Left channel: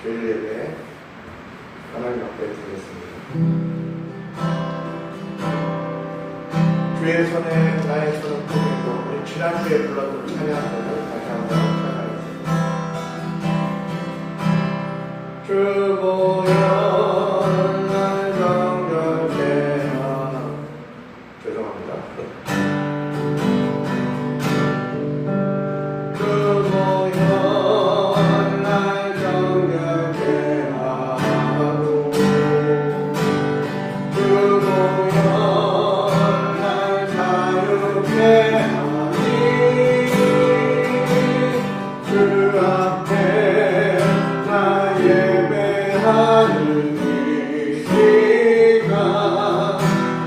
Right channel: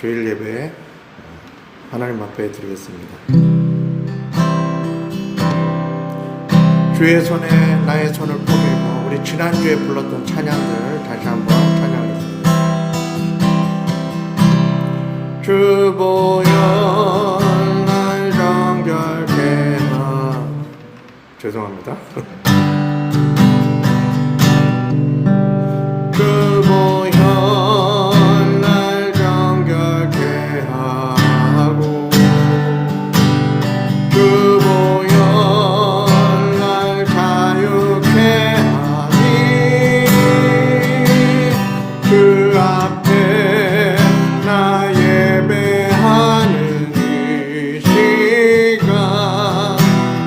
주일 예배 하나님 앞에 드리겠습니다. 주의 손에 나의 손을 포개고, 우리 지난주에 불렀던 찬양을 다시 한번 찬양하겠습니다. 주 보혈 날 정결케 하, 죄송합니다. 주 보혈 날 정결케 하고, 주 보혈 날 자유케 하니, 주 앞에 나 예배하는 이 시간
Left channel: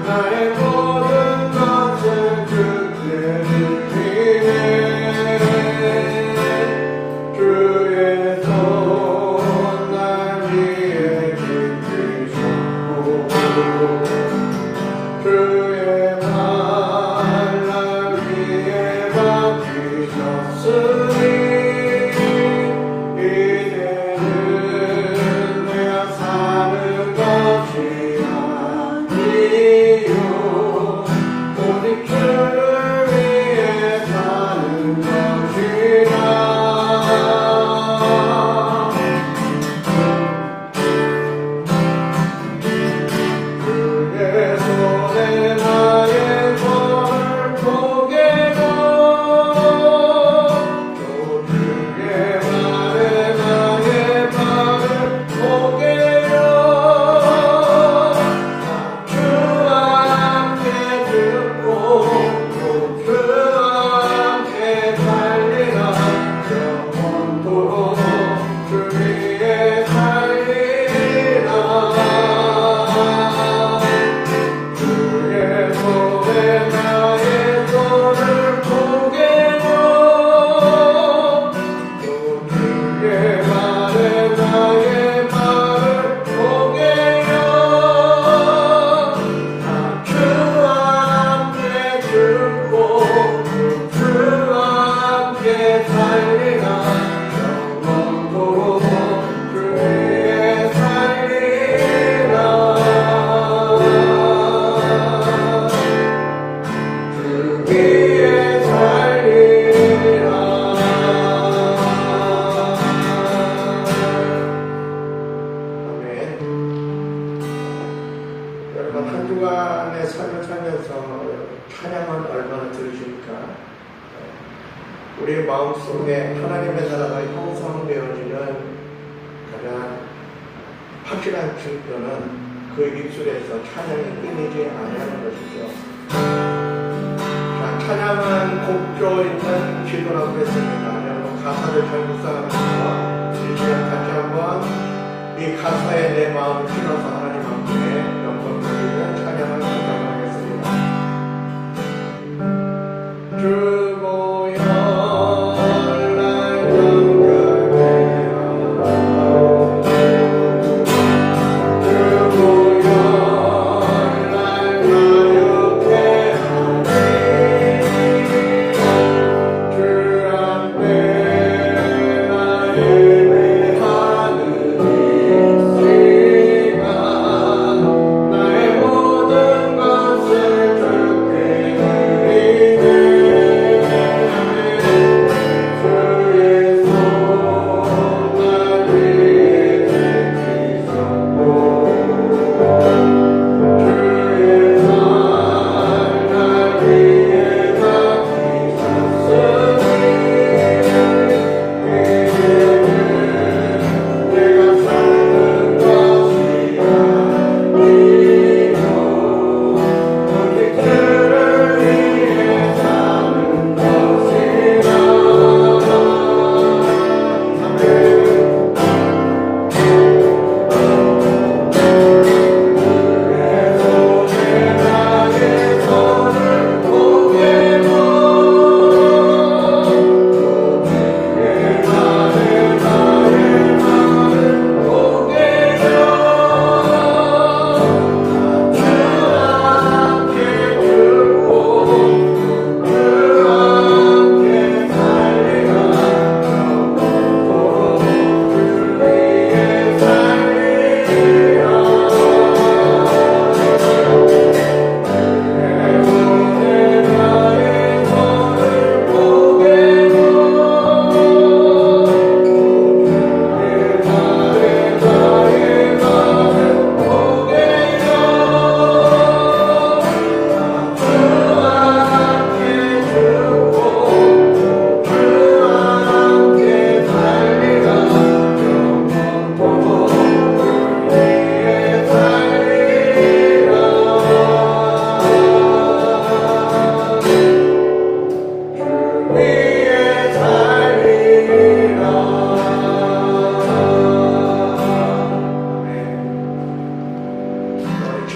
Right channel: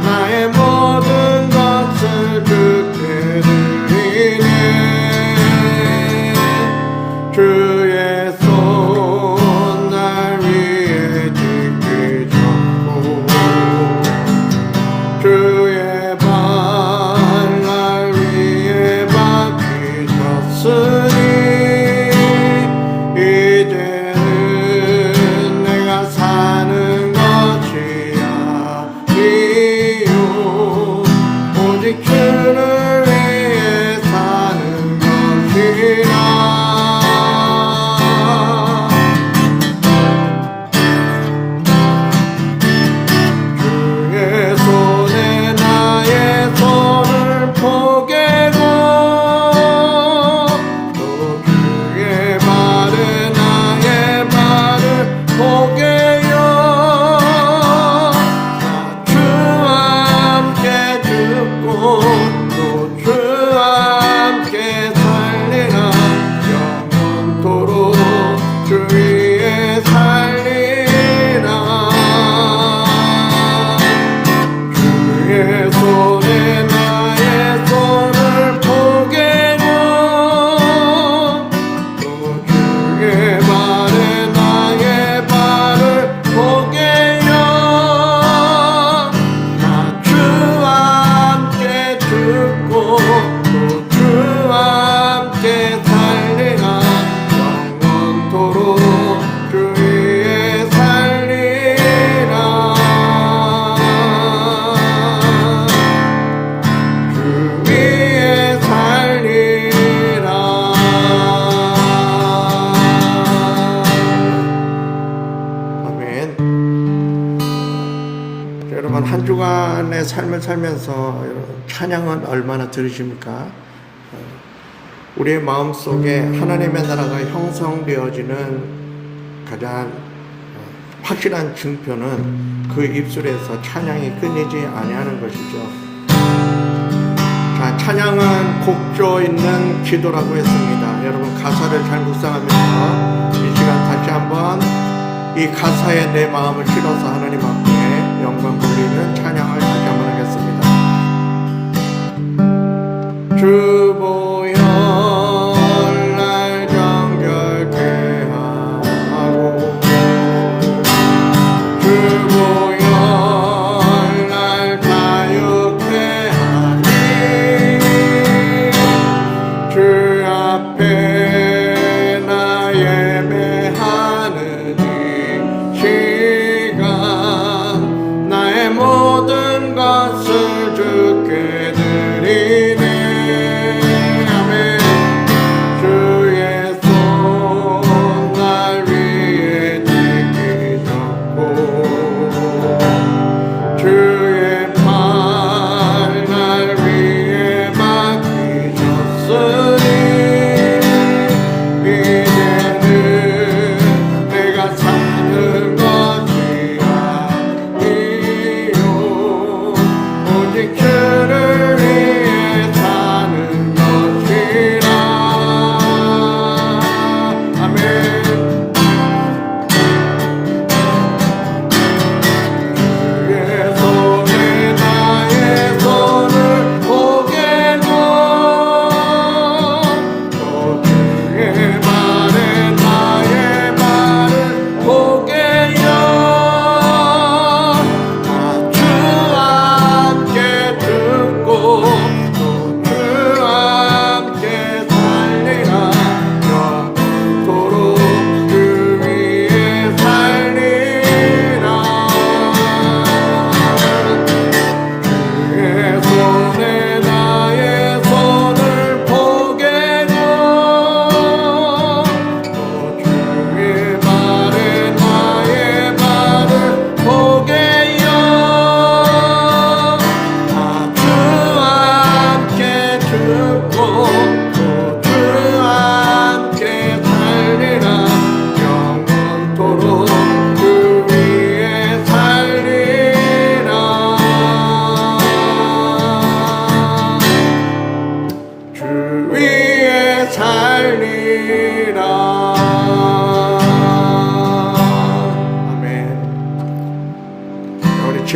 나의 모든 것을 주께 드리네. 주의 손 날 위에 짚기 잡고, 주의 발 날 위에 박히셨으니, 이제는 내가 사는 것이 아니요 오직 주를 위해 사는 것이라. 주의 손에 나의 손을 포개고, 또 주의 발에 나의 발을 포개요. 주 함께 죽고 또 주 함께 살리라. 영원토록 주 위에 살리라. 주의 손에 나의 손을 포개고, 또 주의 발에 나의 발을 포개요. 나 주 함께 죽고 또 주 함께 살리라. 영원토록 주 위에 살리라. 주 위에 살리라. 아멘. 여러분, 한 주간의 삶을 살면서 찬양은 얼마나 들으십니까? 우리의 마음속에 하나님의 나라가 형성되어지는 가장 확실한 증표는 그 입술에서 찬양이 끊이지 아니하는 것이죠. 자, 찬양은 곡조 있는 기도라고 했습니다. 여러분, 가사를 잘 묵상하면서 이 시간 다시 한번 이 가사에 내 마음을 실어서 하나님 앞에 영광 돌리는 찬양을 다시 한번 하겠습니다. 주 보혈 날 정결케 하고, 주 보혈 날 자유케 하니, 주 앞에 나 예배하는 이 시간 나의 모든 것을 주께 드리네.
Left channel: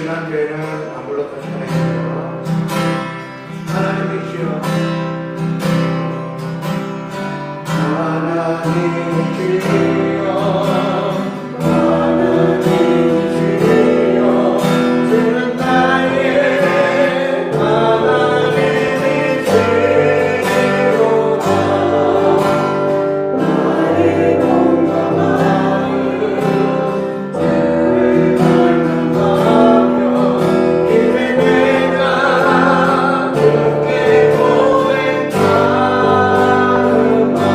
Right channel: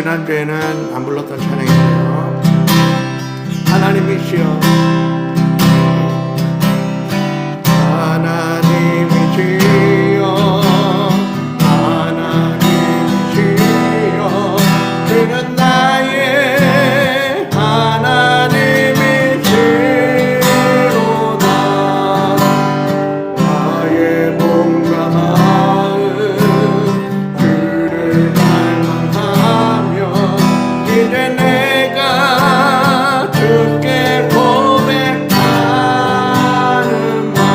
지난주에는 안 불렀던 찬양이에요. 하나님이시여 하나님이시여 하나님이시여 주는 나의 하나님이시로다 나의 몸과 마음 주를 닮아가며 이제 내가 주께 고백하는 말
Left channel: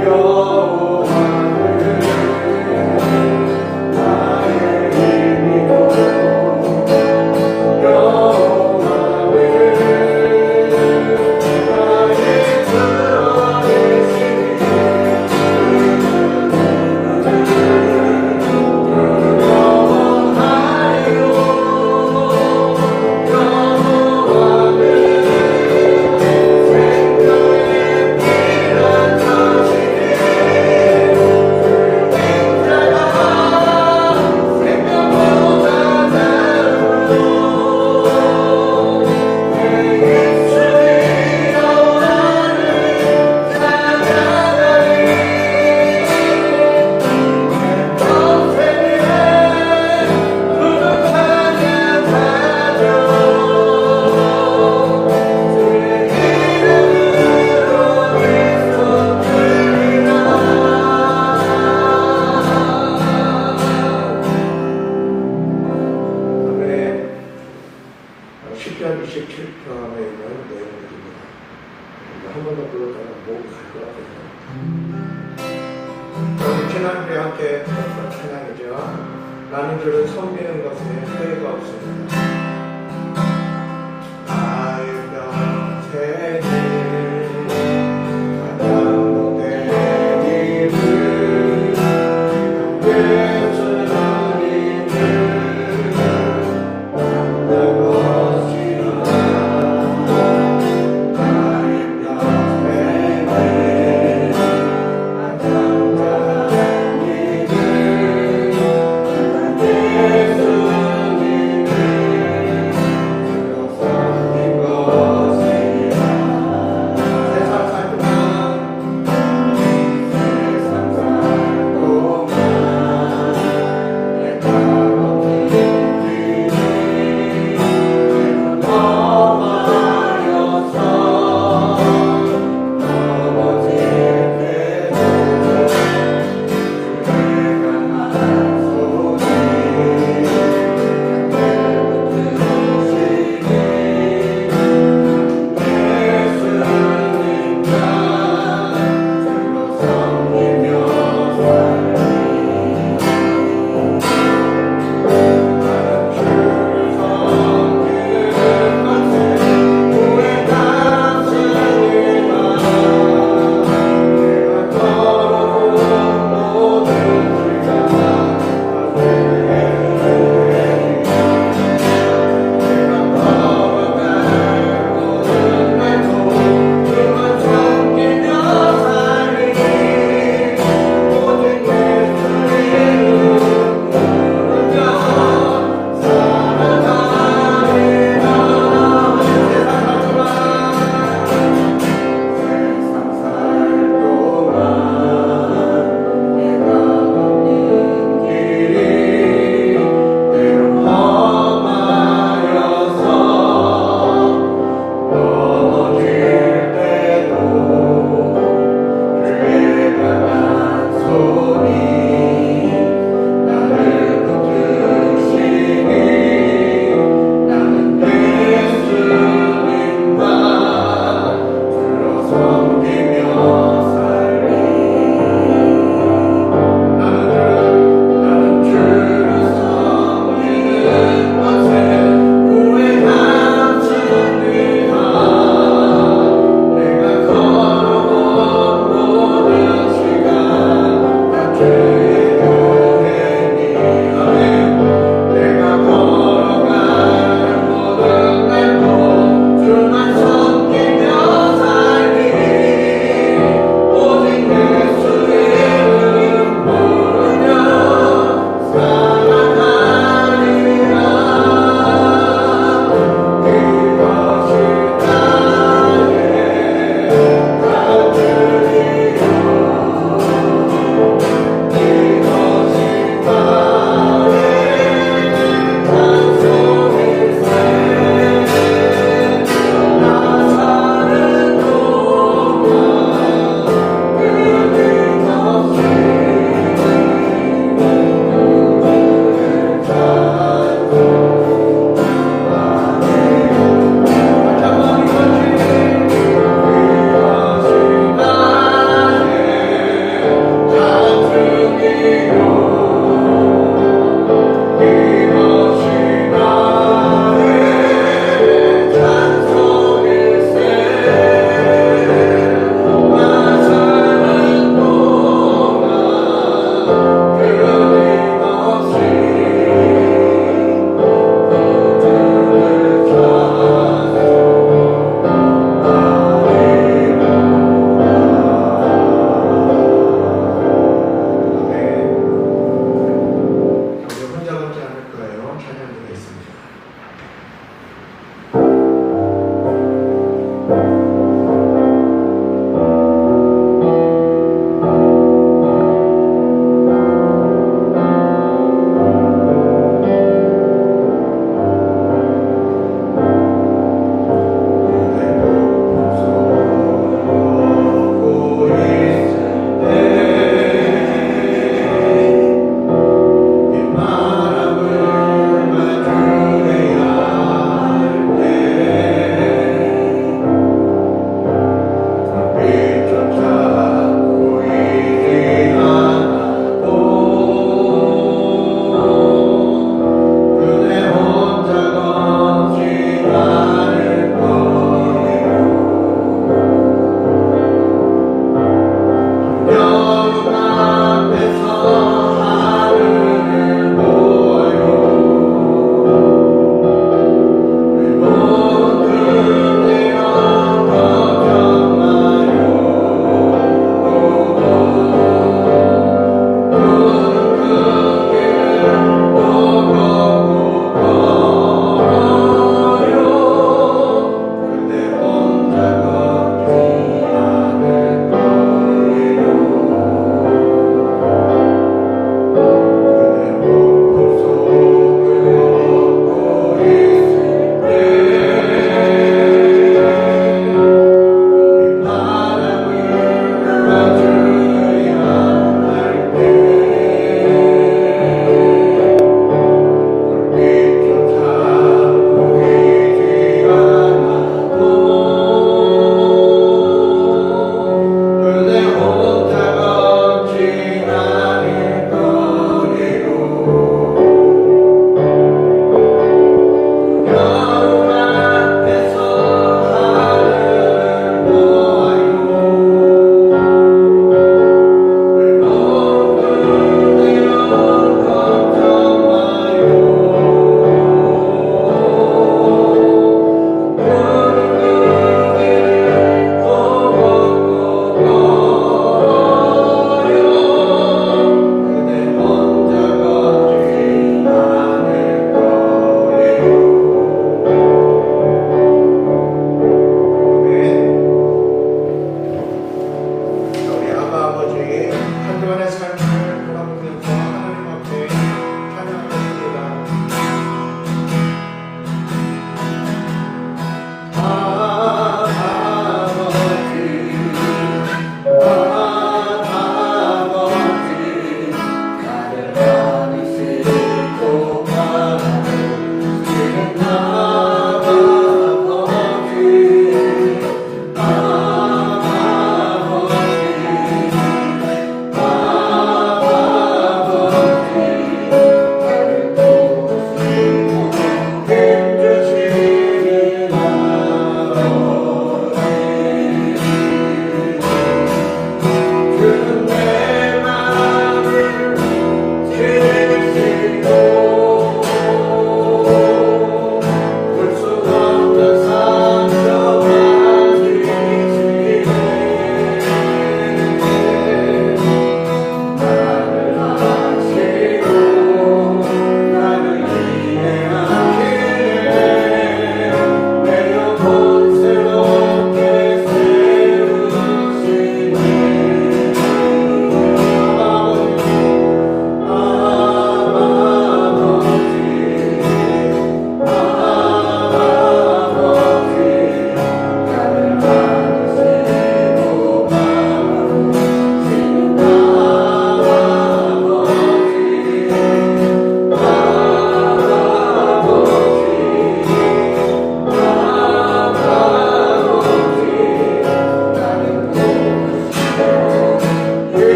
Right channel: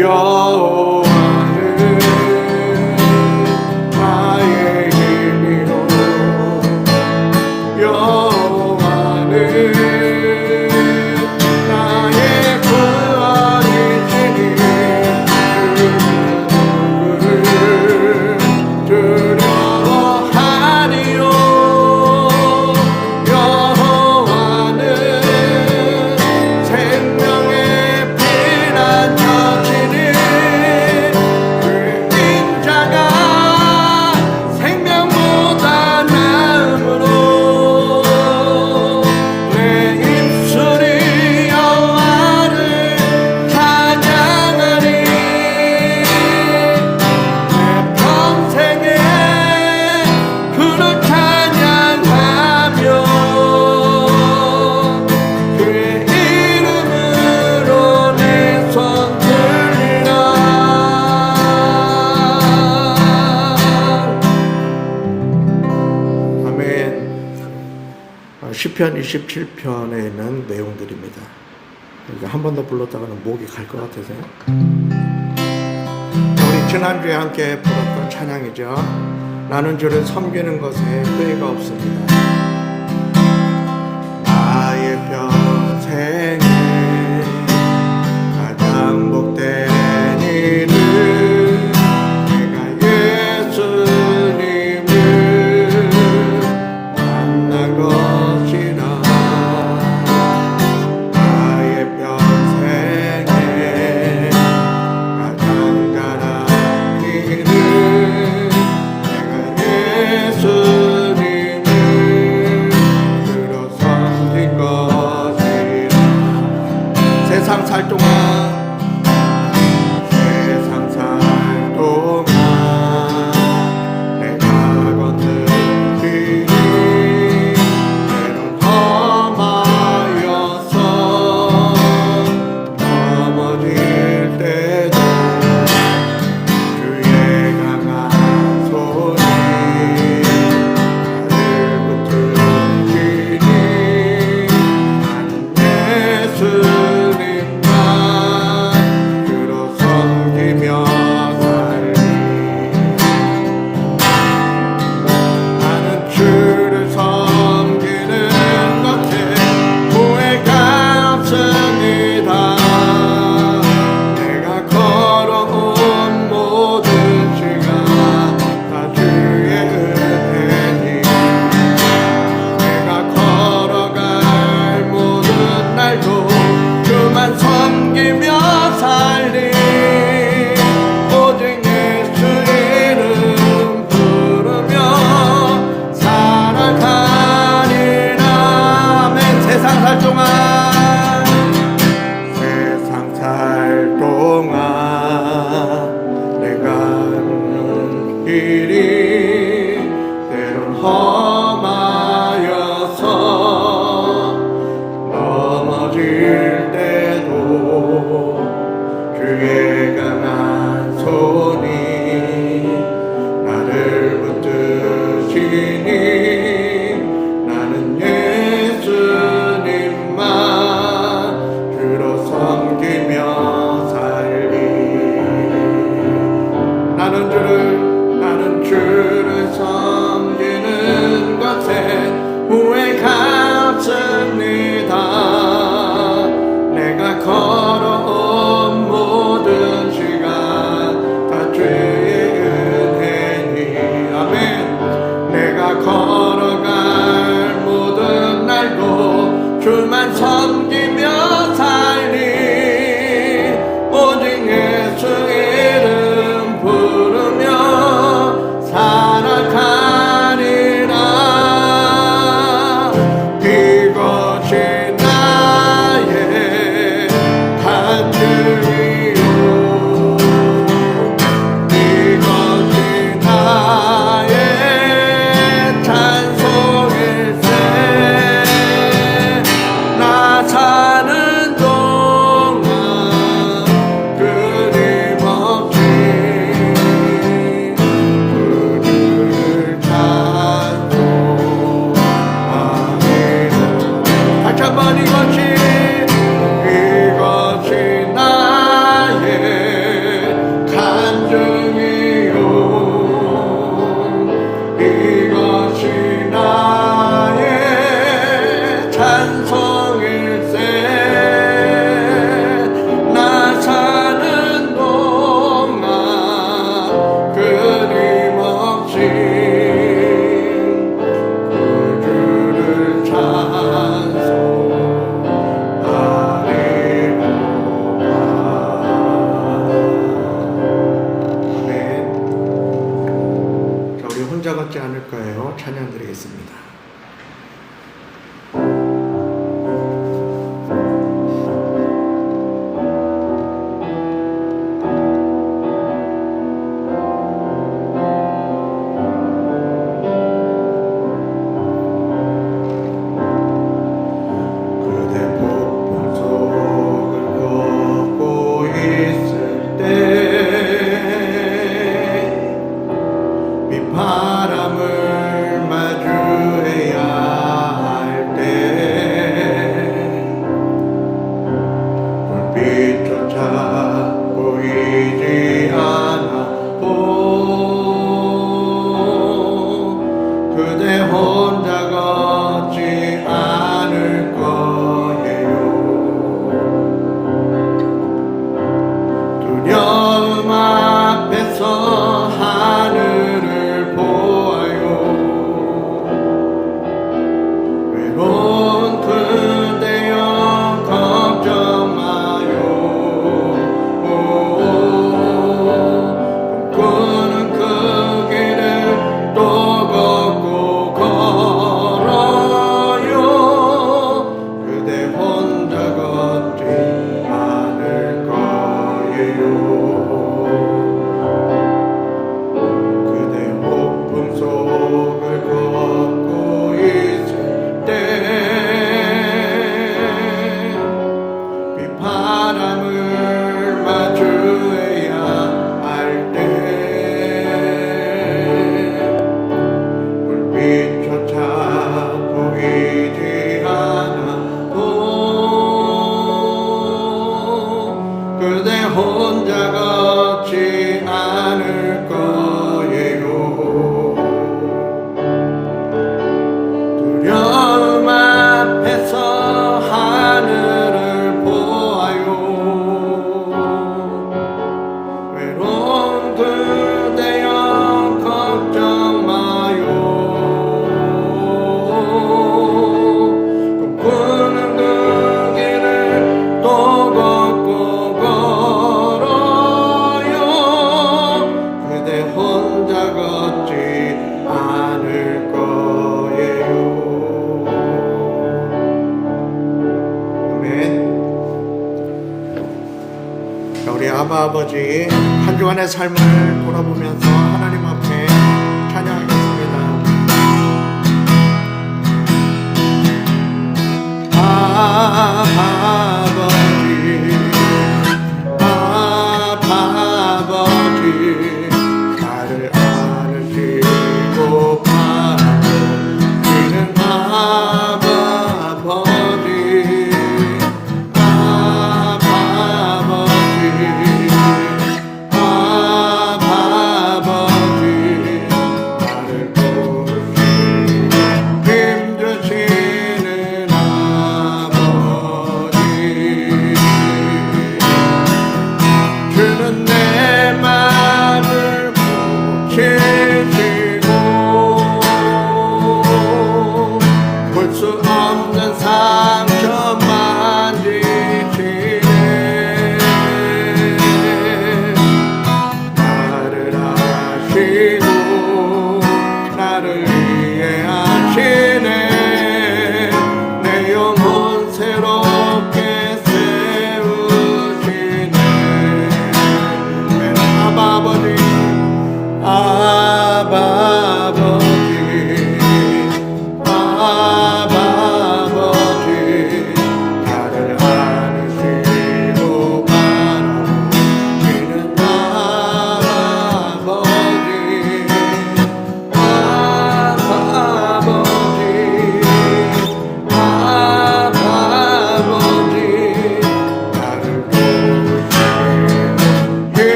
여호와는 나의 힘이요 여호와는 나의 구원이시니 두려워하리요 여호와는 생명의 피난처시니 그 인자가 생명보다 나음으로 내 입술이 여호와를 찬양하리 내 평생에 그를 찬양하며 그의 이름으로 내 손 들리라 아멘. 시편 27편에 있는 내용들입니다. 이거 한 번 더 불렀다가는 목이 갈 것 같아서요. 우리 지난주에 함께 불렀던 찬양이죠. 나는 주를 섬기는 것에 후회가 없습니다. 나의 평생에 가장 복된 일은 내가 예수님을 만난 것이다. 나의 평생에 가장 잘한 일은 내가 예수님을 주로 섬긴 것이다. 한 주간의 삶을 돌아보면서 하나님 앞에 찬양하겠습니다.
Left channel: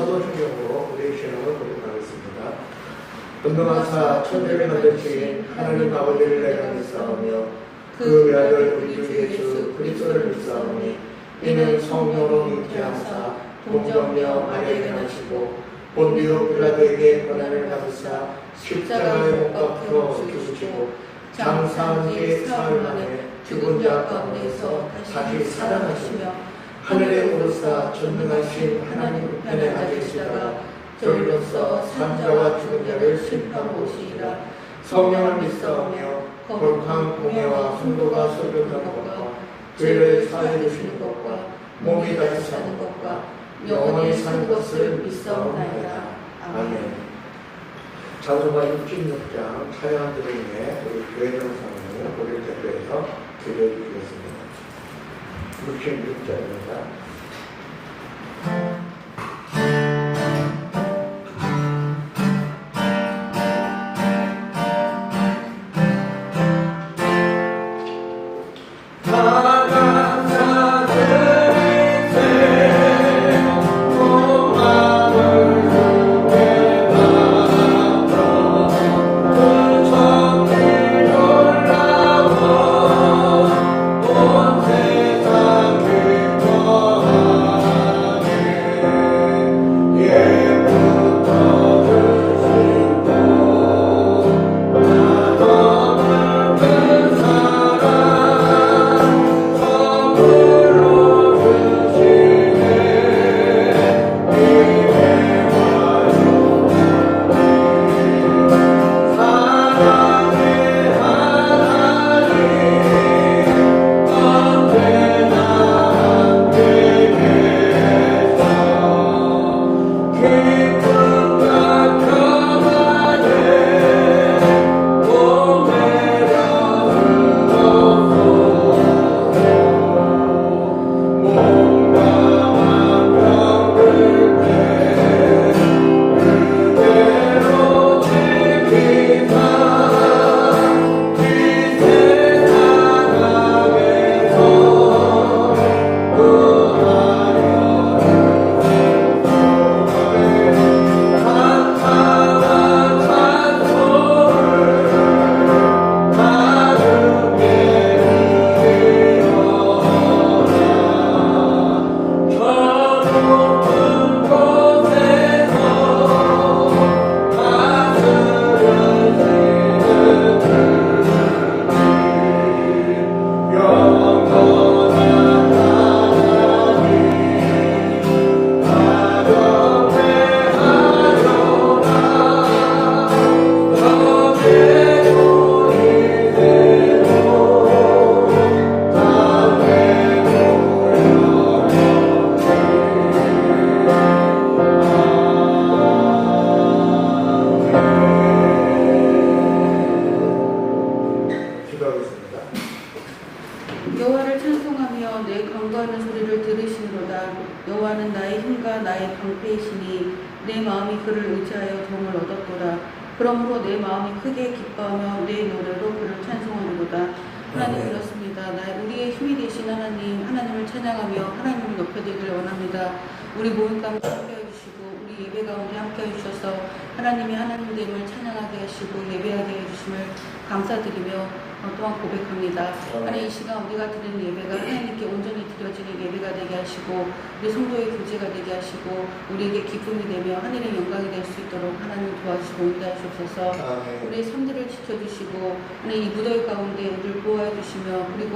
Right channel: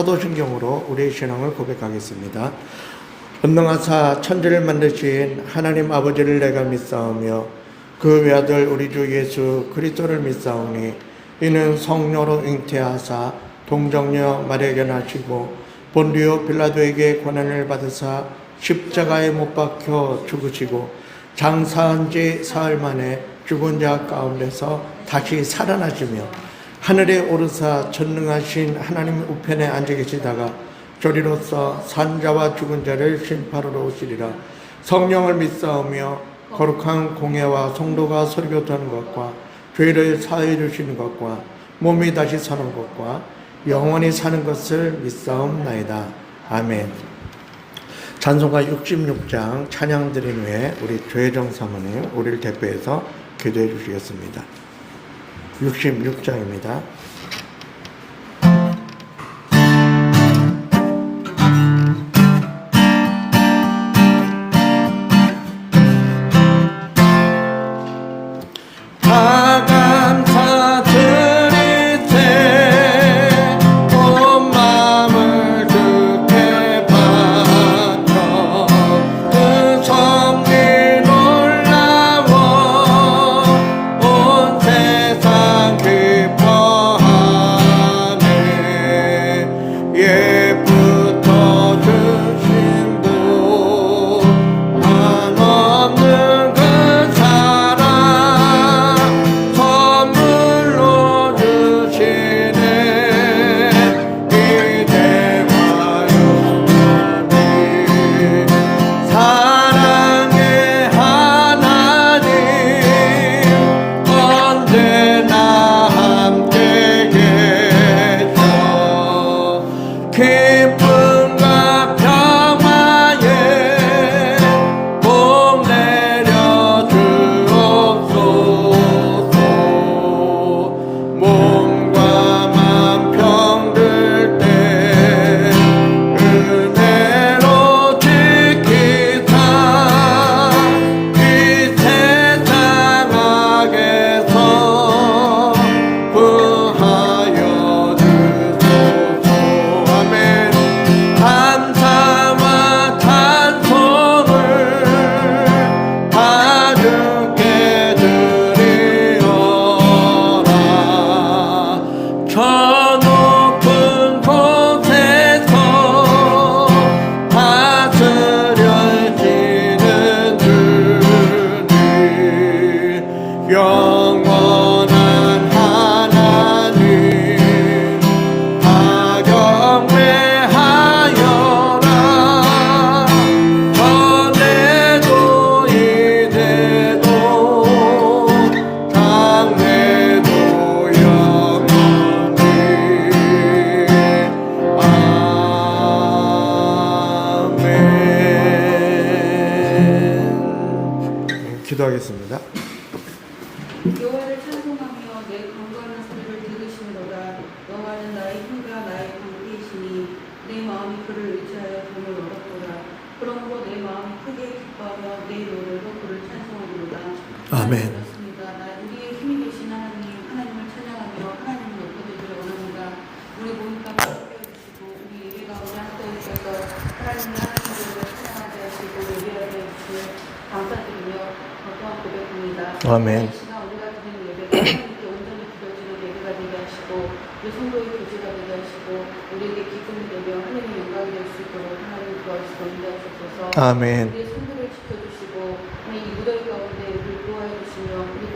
사도신경으로 우리의 신앙을 고백하겠습니다. 전능하사 천지를 만드신 하나님 아버지를 내가 믿사오며 그 외아들 우리 주 예수 그리스도를 믿사오니 이는 성령으로 잉태하사 동정녀 마리아에게 나시고 본디오 빌라도에게 고난을 받으사 십자가에 못 박혀 죽으시고 장사한 지 사흘 만에 죽은 자 가운데서 다시 살아나시며 하늘에 오르사 전능하신 하나님 우편에 앉아 계시다가 조리로서 산자와 죽은 자를 심판하러 오시리라. 성령을 믿사오며 거룩한 공예와 성도가 설교하는 것과 죄를 사해 주시는 것과 몸이 다시 사는 것과 영원히 사는 것을 믿사옵나이다. 아멘. 찬송가 66장 찬양을 드린 후에 우리 조혜정 사모님 우리를 대표해서 기도해 주시겠습니다. 66장입니다. 세상 깊어 기도하겠습니다. 여호와를 찬송하며 내 간구하는 소리를 들으시는도다. 여호와는 나의 힘과 나의 방패이시니 내 마음이 그를 의지하여 도움을 얻었도다. 그러므로 내 마음이 크게 기뻐하며 내 노래로 그를 찬송하리로다. 아멘. 그렇습니다. 우리의 힘이 되신 하나님을 찬양하며 하나님을 높여드리기를 원합니다. 우리 모임 가운데 함께해 주시고 우리 예배 가운데 함께해 주셔서 하나님의 하나님을 찬양하게 하시고 예배하게 해주심을 감사드리며 또한 고백합니다. 아멘. 이 시간 우리가 드리는 예배가 하나님께 온전히 드려지는 예배가 되게 하시고 우리 성도의 교제가 되게 하시고 우리에게 기쁨이 되며 하늘의 영광이 될 수 있도록 하나님 도와주시고 인도하셔서 아멘. 우리의 손들을 지켜주시고 하나님 이 무더위 가운데 우리를 보호해 주시며 그리고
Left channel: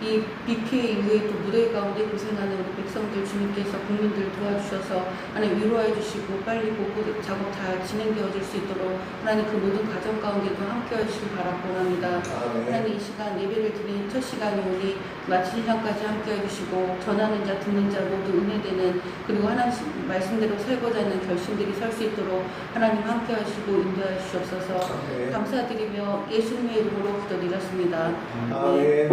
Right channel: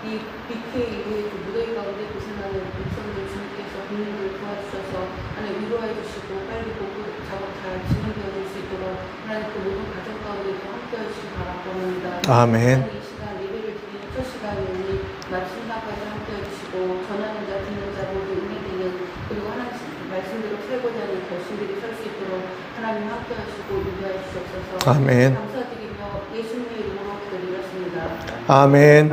이 BK 이후에 그 무더위 가운데 고생하는 우리 백성들 주님께서 국민들 도와주셔서 하나님 위로해 주시고 빨리 복구 작업 잘 진행되어질 수 있도록 하나님 그 모든 가정 가운데도 함께 해주시기 바라고 원합니다. 아멘. 하나님 이 시간 예배를 드리는 첫 시간이오니 마치는 시간까지 함께 해주시고 전하는 자 듣는 자 모두 은혜되는 그리고 하나님 말씀대로 살고자 하는 결심들이 설 수 있도록 하나님 함께 하시고 인도해 주시옵소서. 아멘. 감사드리며 예수님의 이름으로 기도드렸습니다. 아멘.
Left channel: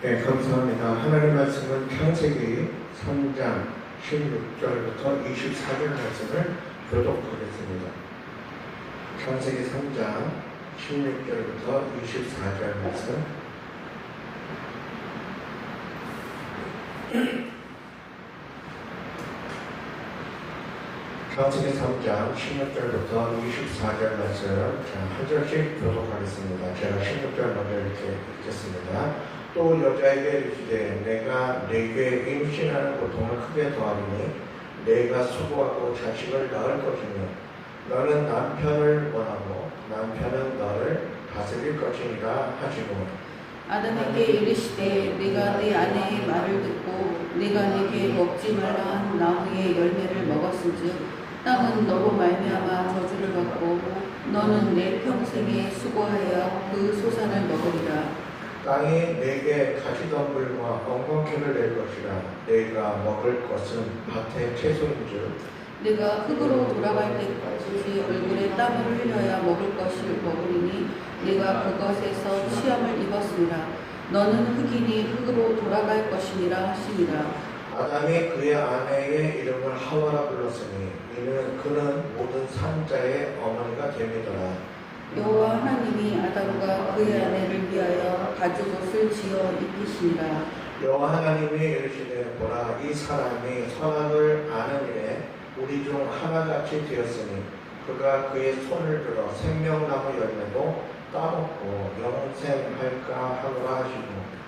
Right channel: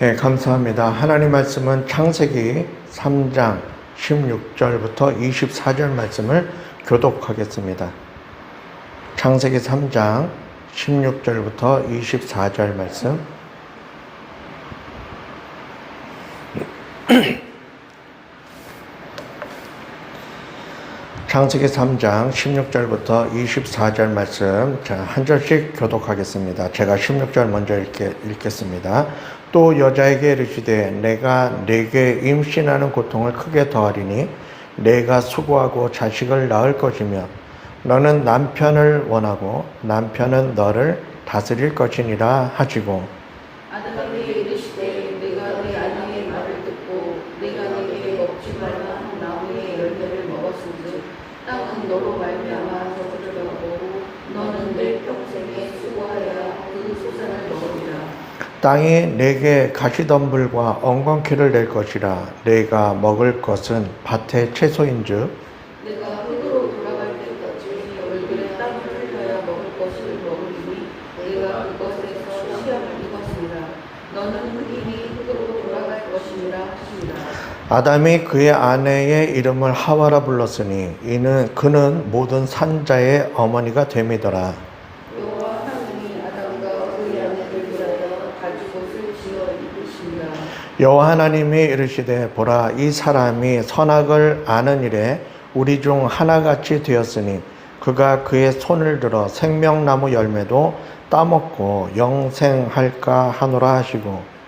네, 감사합니다. 하나님 말씀은 창세기 3장 16절부터 24절 말씀을 교독하겠습니다. 창세기 3장 16절부터 24절 말씀. 창세기 3장 16절부터 24절 말씀 한 절씩 교독하겠습니다. 제가 16절 먼저 읽겠습니다. 또 여자에게 이르시되 내가 네게 임신하는 고통을 크게 더하리니 네가 수고하고 자식을 낳을 것이며 너는 남편을 원하고 남편은 너를 다스릴 것이니라 하시고 아담에게 이르시되 네가 네 아내의 말을 듣고 네가 내게 먹지 말라 한 나무의 열매를 먹었은즉 땅은 너로 말미암아 저주를 받고 너는 내 평생에 수고하여 그 소산을 먹으리라. 땅이 내게 가시덤불과 엉겅퀴를 낼 것이라. 네가 먹을 것은 밭의 채소인즉 네가 흙으로 돌아갈 때까지 얼굴에 땀을 흘려야 먹을 것을 먹으리니 네가 그것에서 시험을 입었습니다. 너는 흙이니 흙으로 돌아갈 것이니라 하시니라. 아담이 그의 아내의 이름을 하와라 불렀으니 그는 모든 산자의 어머니가 됨이더라. 여호와 하나님이 아담과 그의 아내를 위하여 가죽옷을 지어 입히시니라. 여호와 하나님이 이르시되 보라 이 사람이 선악을 아는 일에 우리 중 하나같이 되었으니 그가 그의 손을 들어 생명나무 열매도 따먹고 영생할까 하노라 하시고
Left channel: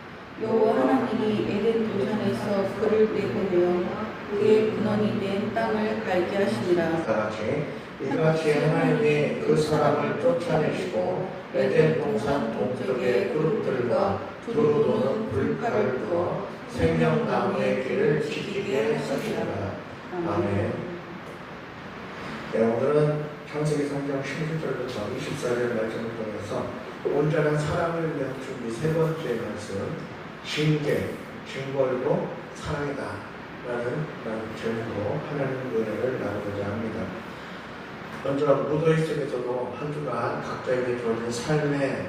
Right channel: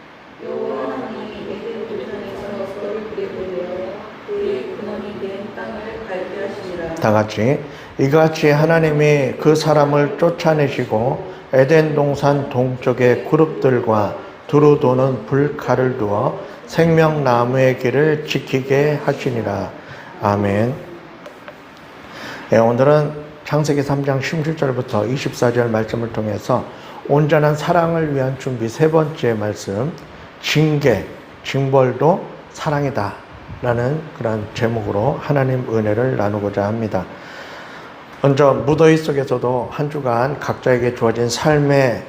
여호와 하나님이 에덴 동산에서 그를 내보내어 그의 근원이 된 땅을 갈게 하시니라. 다같이 이같이 하나님이 그 사람을 쫓아내시고 에덴 동산 동쪽에 그룹들과 두루 도는 불칼을 두어 생명나무의 길을 지키게 하시니라. 아멘. 네, 오늘은 창세기 3장 17절부터 24절 말씀을 통해서 온전한 사랑을 위한 준비 세 번째 말씀, 징벌도 사랑이다 라는 그런 제목으로 하나님 은혜를 나누고자 합니다. 먼저 무더위 속에서도 한 주간 각자에게 주어진 삶의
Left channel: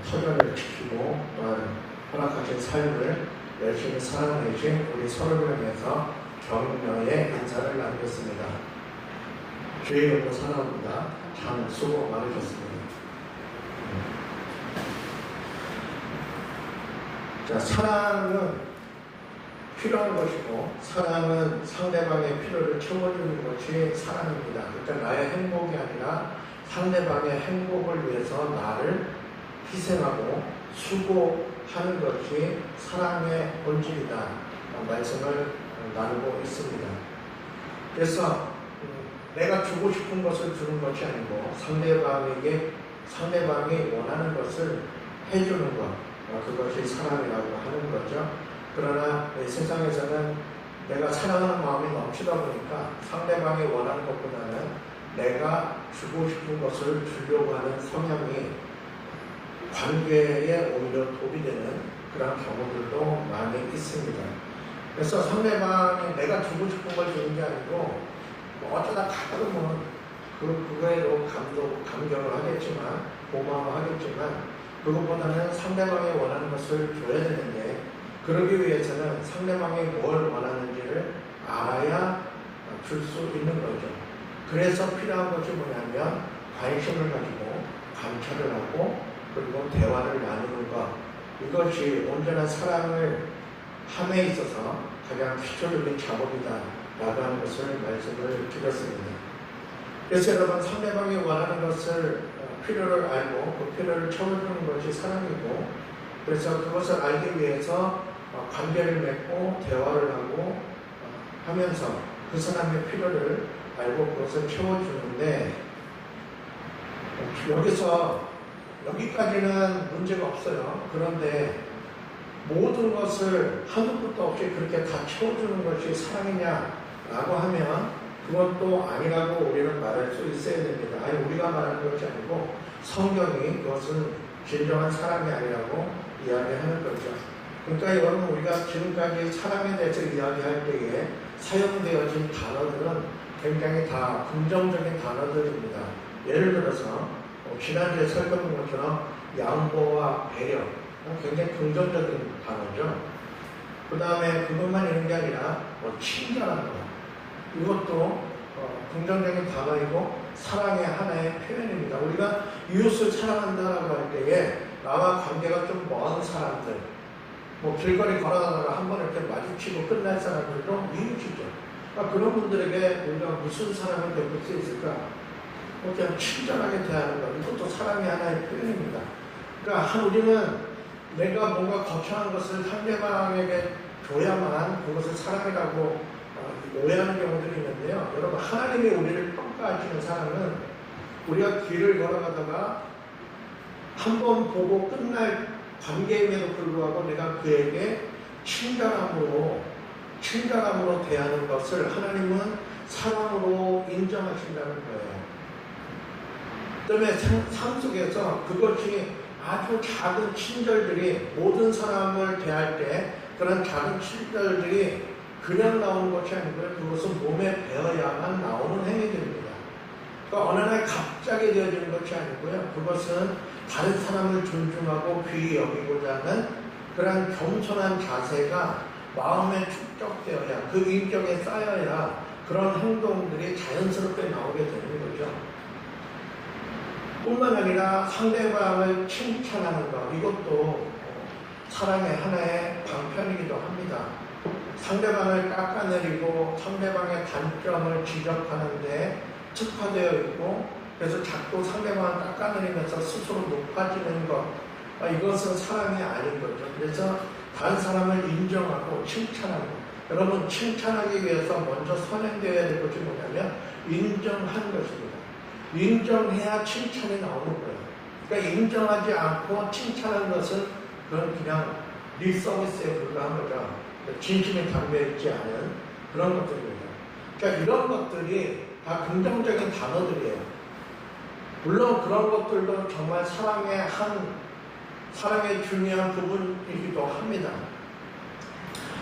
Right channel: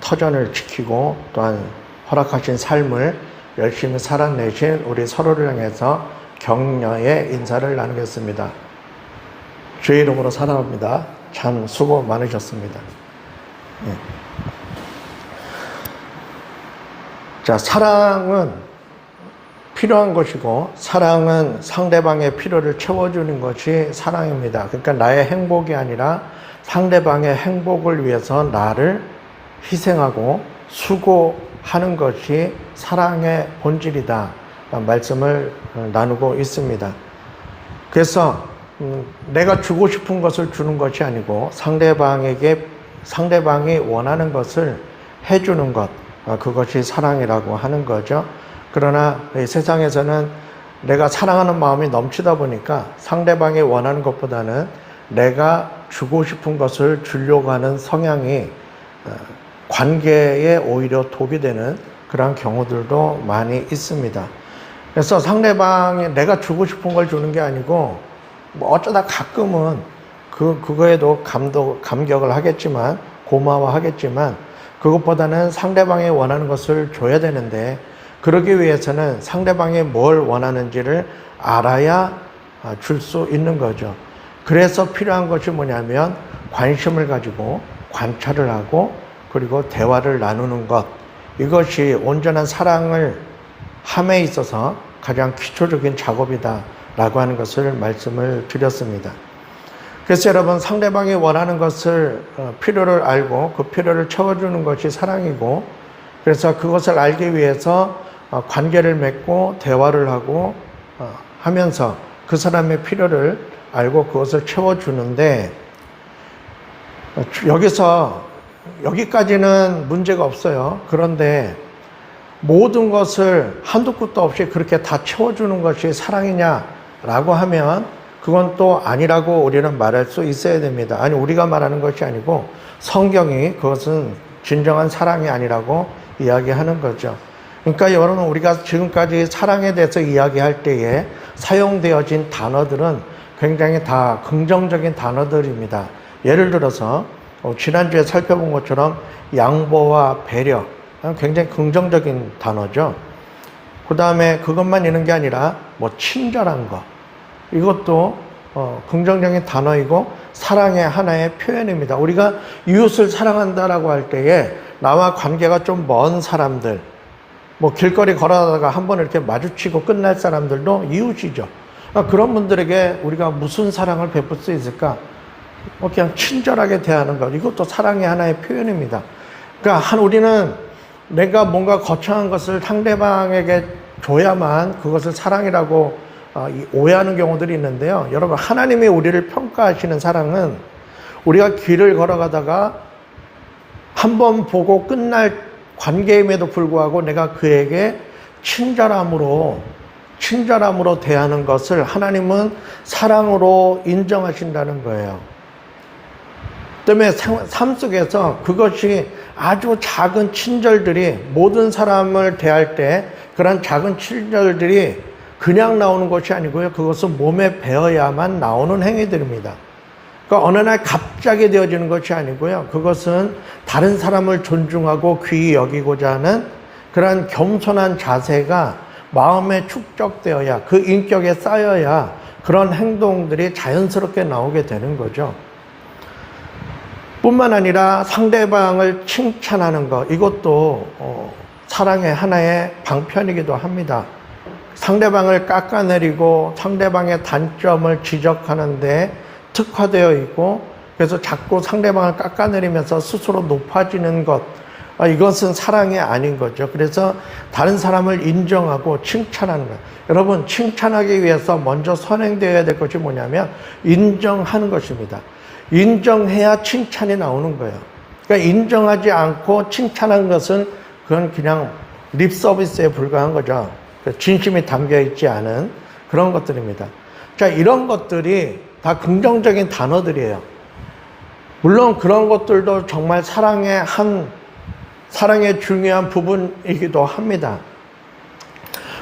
터전을 지키고 또한 허락하신 삶을 열심히 살아내신 우리 서로를 향해서 격려의 인사를 나누겠습니다. 주의 이름으로 사랑합니다. 참 수고 많으셨습니다. 자, 사랑은 필요한 것이고 사랑은 상대방의 필요를 채워주는 것이 사랑입니다. 그러니까 나의 행복이 아니라 상대방의 행복을 위해서 나를 희생하고 수고하는 것이 사랑의 본질이다 말씀을 나누고 있습니다. 그래서 내가 주고 싶은 것을 주는 것이 아니고 상대방이 원하는 것을 해주는 것, 그것이 사랑이라고 하는 거죠. 그러나 세상에서는 내가 사랑하는 마음이 넘치다 보니까 상대방이 원하는 것보다는 내가 주고 싶은 것을 주려고 하는 성향이 관계에 오히려 독이 되는 그런 경우들도 많이 있습니다. 그래서 상대방이 내가 주고 싶은 걸 주는 게 아니고 뭐 어쩌다 가끔은 그거에도 감격을 하겠지만 고마워하겠지만 그것보다는 상대방이 원하는 것을 줘야 되는데 그러기 위해서는 상대방이 뭘 원하는지를 알아야 줄 수 있는 거죠. 그래서 필요한 것이 뭐냐면 관심을 가지고 관찰을 하고 그리고 대화를 나누는 것, 이것이 온전한 사랑을 함에 있어서 가장 기초적인 작업이다라고 하는 것을 말씀을 드렸습니다. 그래서 여러분, 상대방이 원하는 것을 필요를 알고 그 필요를 채워주는 것이 사랑이고, 그래서 그것을 알기 위해서 관계를 맺고 대화를 하고 하면서 그 사람의 필요를 알고 그것을 채워주는데, 여기까지는 문제가 없어요. 그런데 모든 것을 한도 끝도 없이 그렇게 다 채워주는 것이 사랑이냐라고 하면 그건 또 아니라고 우리는 말할 수 있어야 됩니다. 아니, 우리가 말하는 것이 아니고 성경이 그것은 진정한 사랑이 아니라고 이야기하는 거죠. 그러니까 여러분, 우리가 지금까지 사랑에 대해서 이야기할 때에 사용되어진 단어들은 굉장히 다 긍정적인 단어들입니다. 예를 들어서 지난주에 살펴본 것처럼 양보와 배려, 굉장히 긍정적인 단어죠. 그 다음에 그것만 있는 게 아니라 뭐 친절한 것, 이것도 긍정적인 단어이고 사랑의 하나의 표현입니다. 우리가 이웃을 사랑한다라고 할 때에 나와 관계가 좀 먼 사람들, 뭐 길거리 걸어가다가 한번 이렇게 마주치고 끝날 사람들도 이웃이죠. 그런 분들에게 우리가 무슨 사랑을 베풀 수 있을까? 그냥 친절하게 대하는 것, 이것도 사랑의 하나의 표현입니다. 그러니까 우리는 내가 뭔가 거창한 것을 상대방에게 줘야만 그것을 사랑이라고 오해하는 경우들이 있는데요. 여러분, 하나님이 우리를 평가하시는 사랑은 우리가 길을 걸어가다가 한 번 보고 끝날 관계임에도 불구하고 내가 그에게 친절함으로 대하는 것을 하나님은 사랑으로 인정하신다는 거예요. 때문에 삶 속에서 그것이 아주 작은 친절들이, 모든 사람을 대할 때 그런 작은 친절들이 그냥 나오는 것이 아니고요. 그것은 몸에 배어야만 나오는 행위들입니다. 그러니까 어느 날 갑자기 되어지는 것이 아니고요. 그것은 다른 사람을 존중하고 귀히 여기고자 하는 그런 겸손한 자세가 마음에 축적되어야, 그 인격에 쌓여야 그런 행동들이 자연스럽게 나오게 되는 거죠. 뿐만 아니라 상대방을 칭찬하는 것, 이것도 사랑의 하나의 방편이기도 합니다. 상대방을 깎아내리고 상대방의 단점을 지적하는데 특화되어 있고, 그래서 자꾸 상대방을 깎아내리면서 스스로 높아지는 것, 이것은 사랑이 아닌 거죠. 그래서 다른 사람을 인정하고 칭찬하는 것. 여러분, 칭찬하기 위해서 먼저 선행되어야 될 것이 뭐냐면 인정하는 것입니다. 인정해야 칭찬이 나오는 거예요. 그러니까 인정하지 않고 칭찬하는 것은 그건 그냥 립 서비스에 불과한 거죠. 진심이 담겨 있지 않은 그런 것들입니다. 자, 이런 것들이 다 긍정적인 단어들이에요. 물론 그런 것들도 정말 사랑의 중요한 부분이기도 합니다.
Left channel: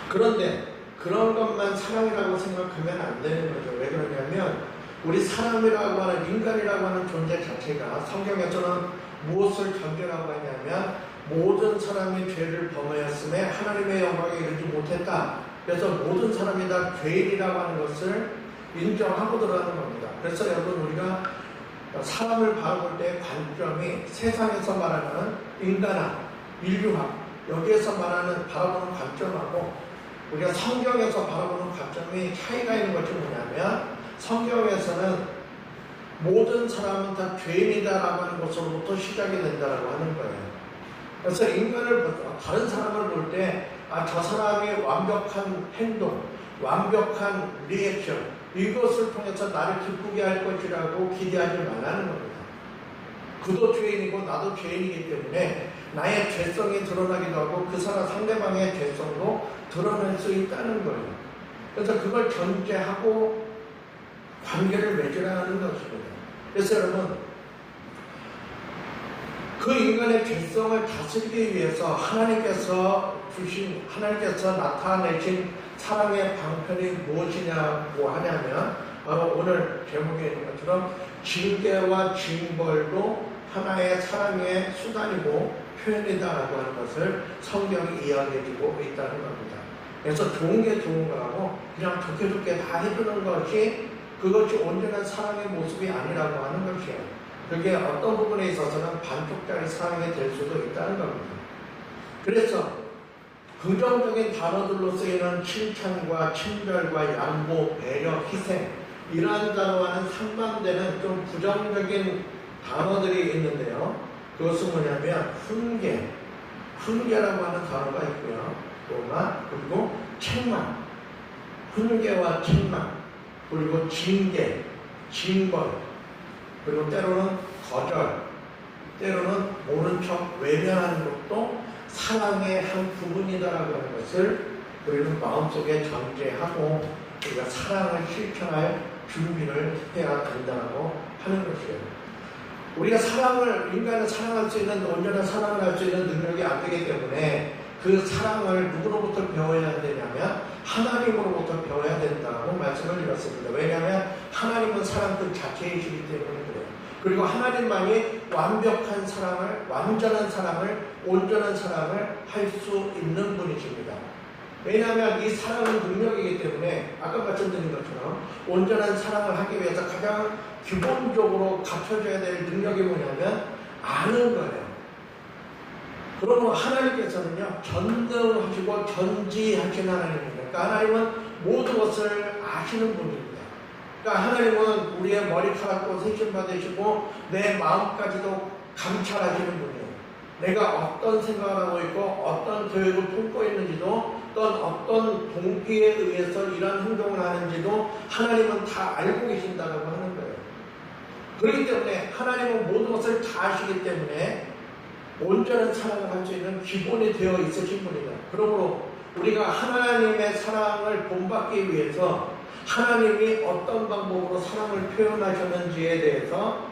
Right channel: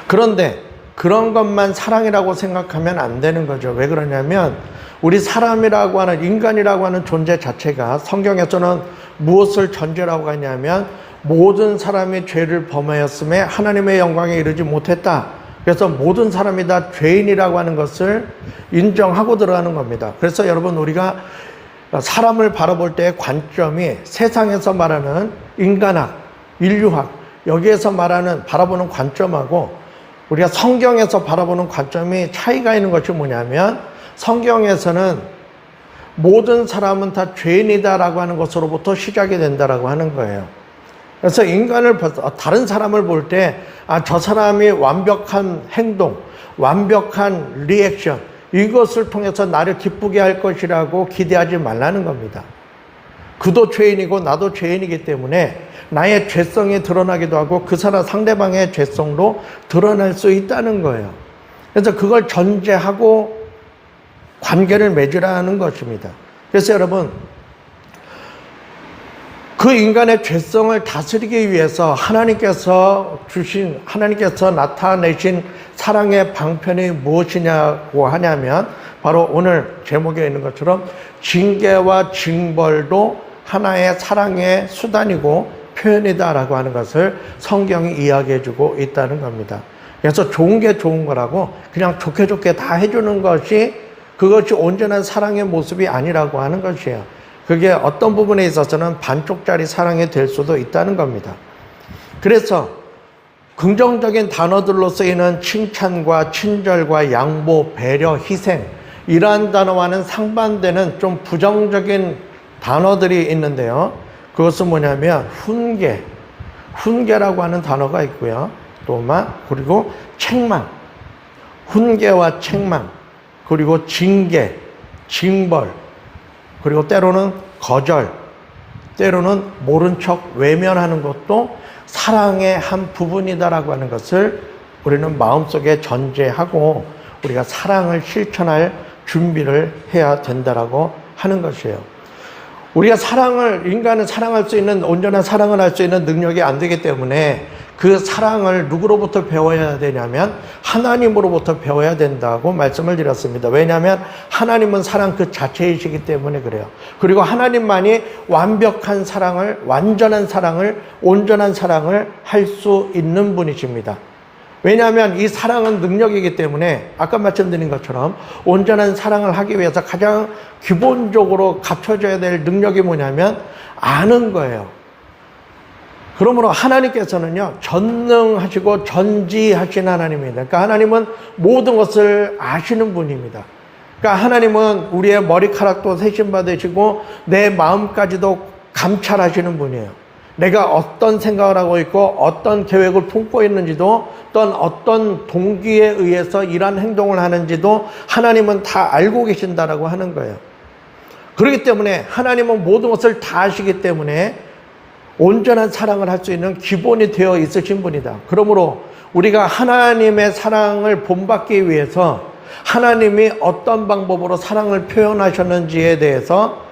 그런데 그런 것만 사랑이라고 생각하면 안 되는 거죠. 왜 그러냐면 우리 사람이라고 하는, 인간이라고 하는 존재 자체가 성경에서는 무엇을 전제라고 하냐면 모든 사람이 죄를 범하였음에 하나님의 영광에 이르지 못했다. 그래서 모든 사람이 다 죄인이라고 하는 것을 인정하고 들어가는 겁니다. 그래서 여러분, 우리가 사람을 바라볼 때의 관점이 세상에서 말하는 인간학, 인류학, 여기에서 바라보는 관점하고 우리가 성경에서 바라보는 관점이 차이가 있는 것이 뭐냐면, 성경에서는 모든 사람은 다 죄인이다라고 하는 것으로부터 시작이 된다라고 하는 거예요. 그래서 다른 사람을 볼 때, 저 사람이 완벽한 행동, 완벽한 리액션, 이것을 통해서 나를 기쁘게 할 것이라고 기대하지 말라는 겁니다. 그도 죄인이고 나도 죄인이기 때문에 나의 죄성이 드러나기도 하고 그 사람 상대방의 죄성도 드러날 수 있다는 거예요. 그래서 그걸 전제하고 관계를 맺으라는 것입니다. 그래서 여러분, 그 인간의 죄성을 다스리기 위해서 하나님께서 나타내신 사랑의 방편이 무엇이냐고 하냐면 바로 오늘 제목에 있는 것처럼 징계와 징벌도 하나의 사랑의 수단이고 표현이다라고 하는 것을 성경이 이야기해주고 있다는 겁니다. 그래서 좋은 게 좋은 거라고 그냥 좋게 다 해주는 그것이 온전한 사랑의 모습이 아니라고 하는 것이에요. 그게 어떤 부분에 있어서는 반쪽짜리 사랑이 될 수도 있다는 겁니다. 그래서 긍정적인 단어들로 쓰이는 칭찬과 친절과 양보, 배려, 희생 이러한 단어와는 상반되는 좀 부정적인 단어들이 있는데요. 그것은 뭐냐면 훈계라고 하는 단어가 있고요. 그리고 책망, 훈계와 책망, 그리고 징계, 징벌, 그리고 때로는 거절, 때로는 모른 척 외면하는 것도 사랑의 한 부분이다라고 하는 것을 우리는 마음속에 전제하고 우리가 사랑을 실천할 준비를 해야 된다라고 하는 것이에요. 우리가 인간은 사랑할 수 있는, 온전한 사랑을 할 수 있는 능력이 안 되기 때문에 그 사랑을 누구로부터 배워야 되냐면 하나님으로부터 배워야 된다고 말씀을 드렸습니다. 왜냐하면 하나님은 사랑 그 자체이시기 때문에 그래요. 그리고 하나님만이 완벽한 사랑을, 완전한 사랑을, 온전한 사랑을 할 수 있는 분이십니다. 왜냐하면 이 사랑은 능력이기 때문에 아까 말씀드린 것처럼 온전한 사랑을 하기 위해서 가장 기본적으로 갖춰져야 될 능력이 뭐냐면 아는 거예요. 그러므로 하나님께서는요, 전능하시고 전지하신 하나님입니다. 그러니까 하나님은 모든 것을 아시는 분입니다. 그러니까 하나님은 우리의 머리카락도 세심받으시고 내 마음까지도 감찰하시는 분이에요. 내가 어떤 생각을 하고 있고 어떤 계획을 품고 있는지도 또는 어떤 동기에 의해서 이러한 행동을 하는지도 하나님은 다 알고 계신다라고 하는 거예요. 그렇기 때문에 하나님은 모든 것을 다 아시기 때문에 온전한 사랑을 할 수 있는 기본이 되어 있으신 분이다. 그러므로 우리가 하나님의 사랑을 본받기 위해서 하나님이 어떤 방법으로 사랑을 표현하셨는지에 대해서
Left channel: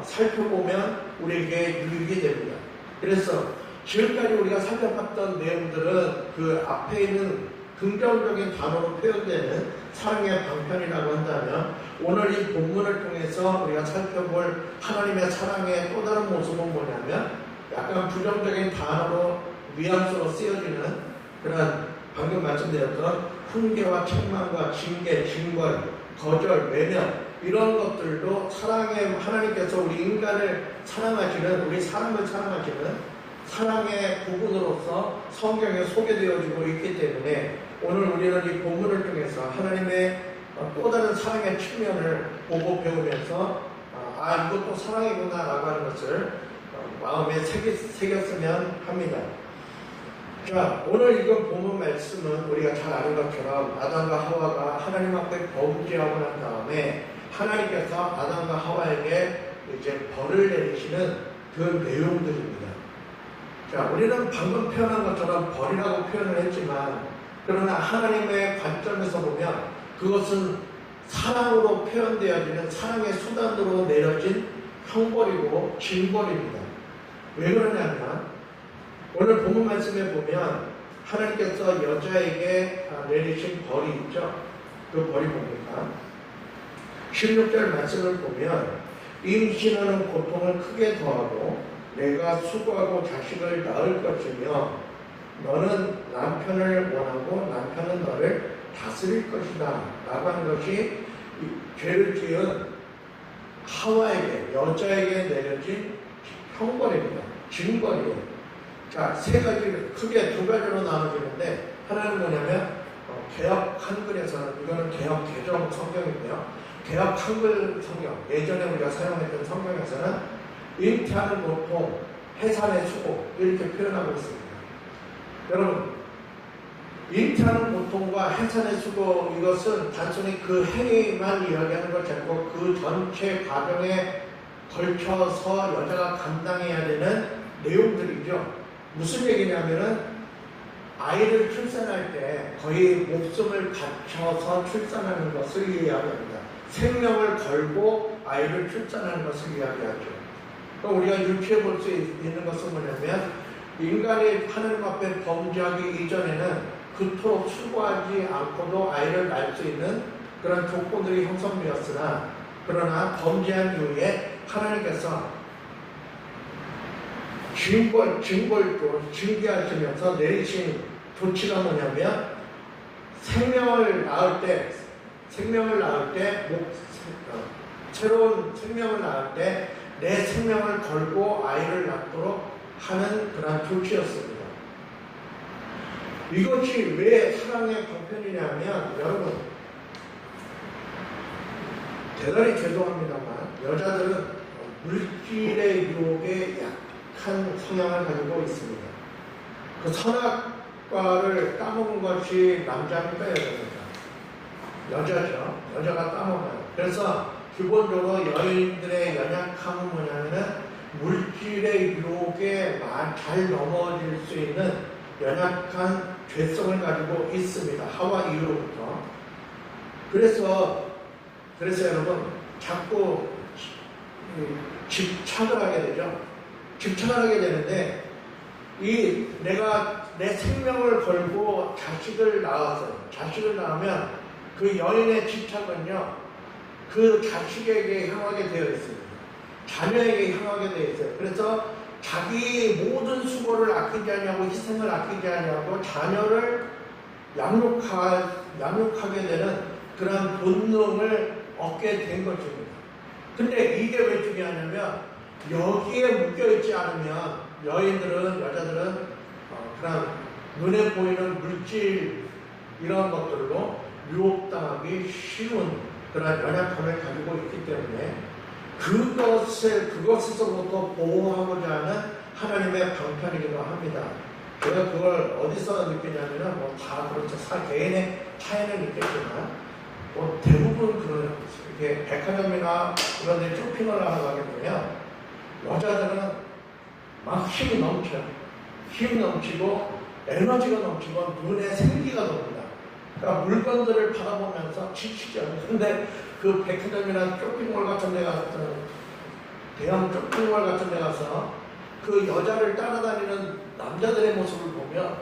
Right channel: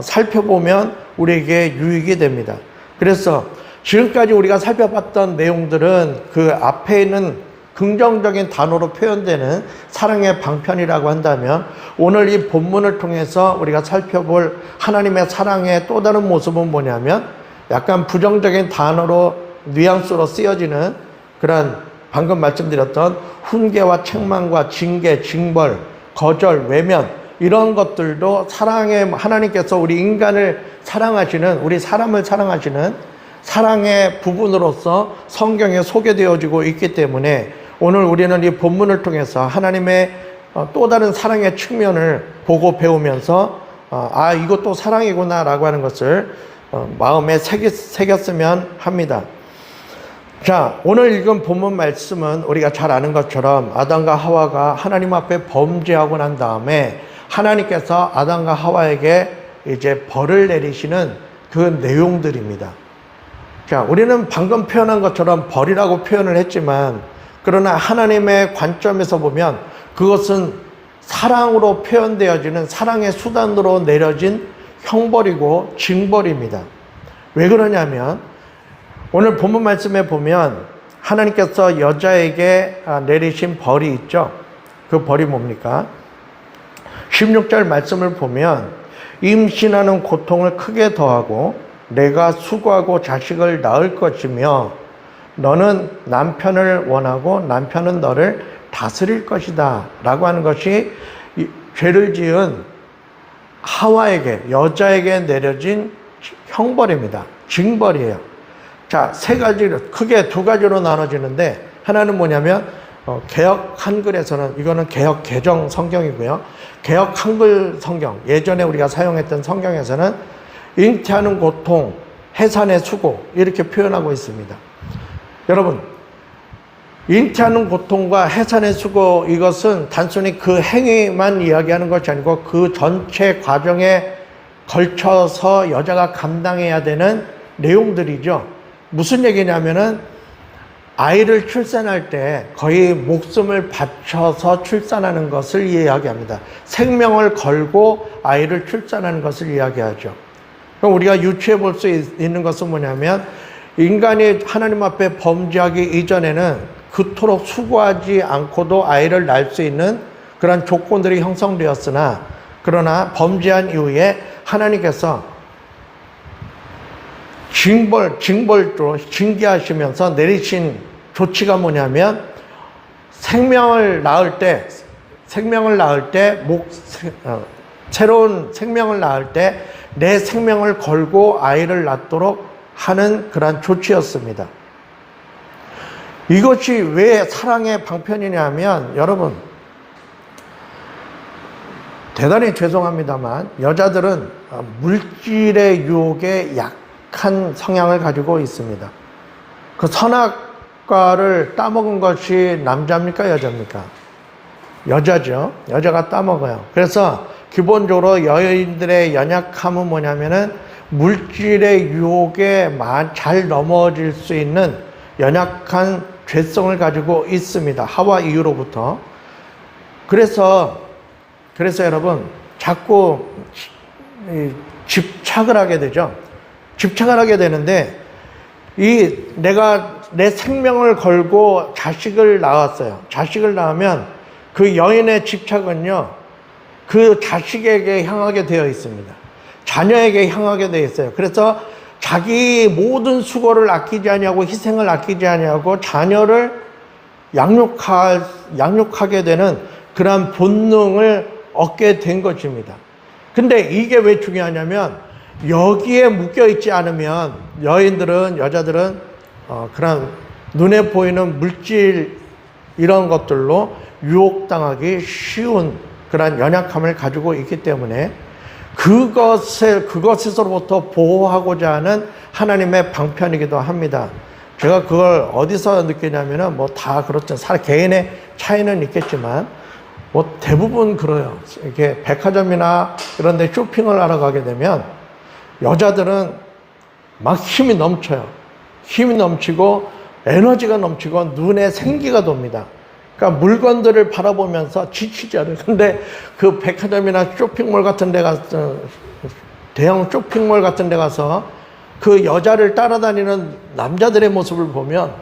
살펴보면 우리에게 유익이 됩니다. 그래서 지금까지 우리가 살펴봤던 내용들은 그 앞에 있는 긍정적인 단어로 표현되는 사랑의 방편이라고 한다면 오늘 이 본문을 통해서 우리가 살펴볼 하나님의 사랑의 또 다른 모습은 뭐냐면 약간 부정적인 단어로 뉘앙스로 쓰여지는 그런 방금 말씀드렸던 훈계와 책망과 징계, 징벌, 거절, 외면 이런 것들도 사랑의 하나님께서 우리 인간을 사랑하시는, 우리 사람을 사랑하시는 사랑의 부분으로서 성경에 소개되어지고 있기 때문에 오늘 우리는 이 본문을 통해서 하나님의 또 다른 사랑의 측면을 보고 배우면서 이것도 사랑이구나 라고 하는 것을 마음에 새겼으면 합니다. 자, 오늘 읽은 본문 말씀은 우리가 잘 아는 것처럼 아담과 하와가 하나님 앞에 범죄하고 난 다음에 하나님께서 아담과 하와에게 이제 벌을 내리시는 그 내용들입니다. 자, 우리는 방금 표현한 것처럼 벌이라고 표현을 했지만 그러나 하나님의 관점에서 보면 그것은 사랑으로 표현되어지는 사랑의 수단으로 내려진 형벌이고 징벌입니다. 왜 그러냐면 오늘 본문 말씀에 보면 하나님께서 여자에게 내리신 벌이 있죠. 그 벌이 뭡니까? 16절 말씀을 보면 임신하는 고통을 크게 더하고 내가 수고하고 자식을 낳을 것이며 너는 남편을 원하고 남편은 너를 다스릴 것이다 라고 하는 것이 죄를 지은 하와에게, 여자에게 내려진 형벌입니다. 징벌이에요. 자, 크게 두 가지로 나눠지는데 하나는 뭐냐면 개역 한글에서는 이거는 개역 개정 성경이고요. 개역 한글 성경, 예전에 우리가 사용했던 성경에서는 잉태하는 고통, 해산의 수고 이렇게 표현하고 있습니다. 여러분, 잉태하는 고통과 해산의 수고 이것은 단순히 그 행위만 이야기하는 것이 아니고 그 전체 과정에 걸쳐서 여자가 감당해야 되는 내용들이죠. 무슨 얘기냐면은 아이를 출산할 때 거의 목숨을 바쳐서 출산하는 것을 이야기합니다. 생명을 걸고 아이를 출산하는 것을 이야기하죠. 그럼 우리가 유추해 볼 수 있는 것은 뭐냐면 인간이 하나님 앞에 범죄하기 이전에는 그토록 수고하지 않고도 아이를 낳을 수 있는 그런 조건들이 형성되었으나 그러나 범죄한 이후에 하나님께서 징벌로 징계하시면서 내리신 조치가 뭐냐면 생명을 낳을 때 새로운 생명을 낳을 때 내 생명을 걸고 아이를 낳도록 하는 그런 조치였습니다. 이것이 왜 사랑의 방편이냐면 여러분 대단히 죄송합니다만 여자들은 물질의 유혹에 약한 성향을 가지고 있습니다. 그 선악과를 따먹은 것이 남자입니까 여자입니까? 여자죠. 여자가 따먹어요. 그래서 기본적으로 여인들의 연약함은 뭐냐면은 물질의 유혹에 잘 넘어질 수 있는 연약한 죄성을 가지고 있습니다. 하와 이후로부터. 그래서 여러분 자꾸 집착을 하게 되죠. 집착을 하게 되는데 내가 내 생명을 걸고 자식을 낳았어요. 자식을 낳으면 그 여인의 집착은요. 그 자식에게 향하게 되어 있습니다. 자녀에게 향하게 되어 있어요. 그래서 자기 모든 수고를 아끼지 아니하고 희생을 아끼지 아니하고 자녀를 양육하게 되는 그러한 본능을 얻게 된 것입니다. 근데 이게 왜 중요하냐면 여기에 묶여 있지 않으면 여자들은 그런 눈에 보이는 물질 이런 것들로 유혹당하기 쉬운 그런 연약함을 가지고 있기 때문에 그것에서부터 보호하고자 하는 하나님의 방편이기도 합니다. 제가 그걸 어디서 느끼냐면은 뭐 다 그렇죠. 개인의 차이는 있겠지만 뭐 대부분 그래요. 이렇게 백화점이나 이런 데 쇼핑을 하러 가게 되면 여자들은 막 힘이 넘쳐요. 힘이 넘치고 에너지가 넘치고 눈에 생기가 돕니다. 그러니까 물건들을 바라보면서 지치죠. 근데 그 백화점이나 쇼핑몰 같은 데 가서, 대형 쇼핑몰 같은 데 가서 그 여자를 따라다니는 남자들의 모습을 보면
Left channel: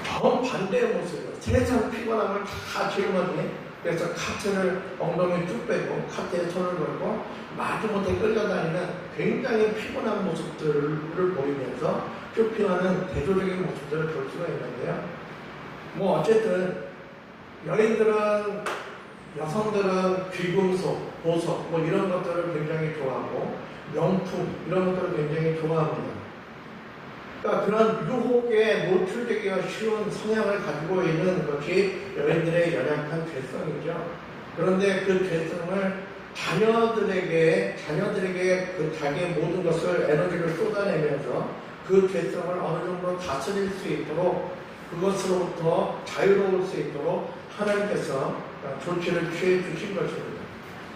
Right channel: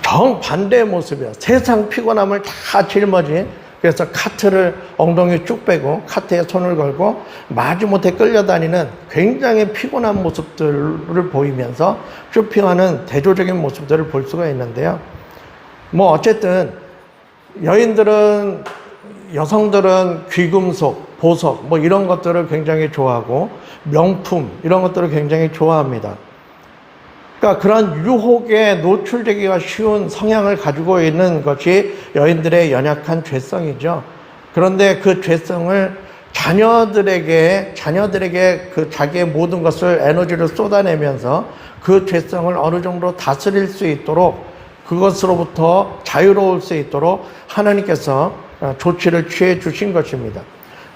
정반대의 모습이야. 세상 피곤함을 다 짊어진, 그래서 카트를 엉덩이 쭉 빼고 카트에 손을 걸고 마지못해 끌려다니는 굉장히 피곤한 모습들을 보이면서 쇼핑하는 대조적인 모습들을 볼 수가 있는데요. 뭐 어쨌든 여성들은 귀금속, 보석 뭐 이런 것들을 굉장히 좋아하고 명품 이런 것들을 굉장히 좋아합니다. 그러니까 그런 유혹에 노출되기가 쉬운 성향을 가지고 있는 것이 여인들의 연약한 죄성이죠. 그런데 그 죄성을 자녀들에게 그 자기의 모든 것을 에너지를 쏟아내면서 그 죄성을 어느 정도 다스릴 수 있도록 그것으로부터 자유로울 수 있도록 하나님께서 조치를 취해 주신 것입니다.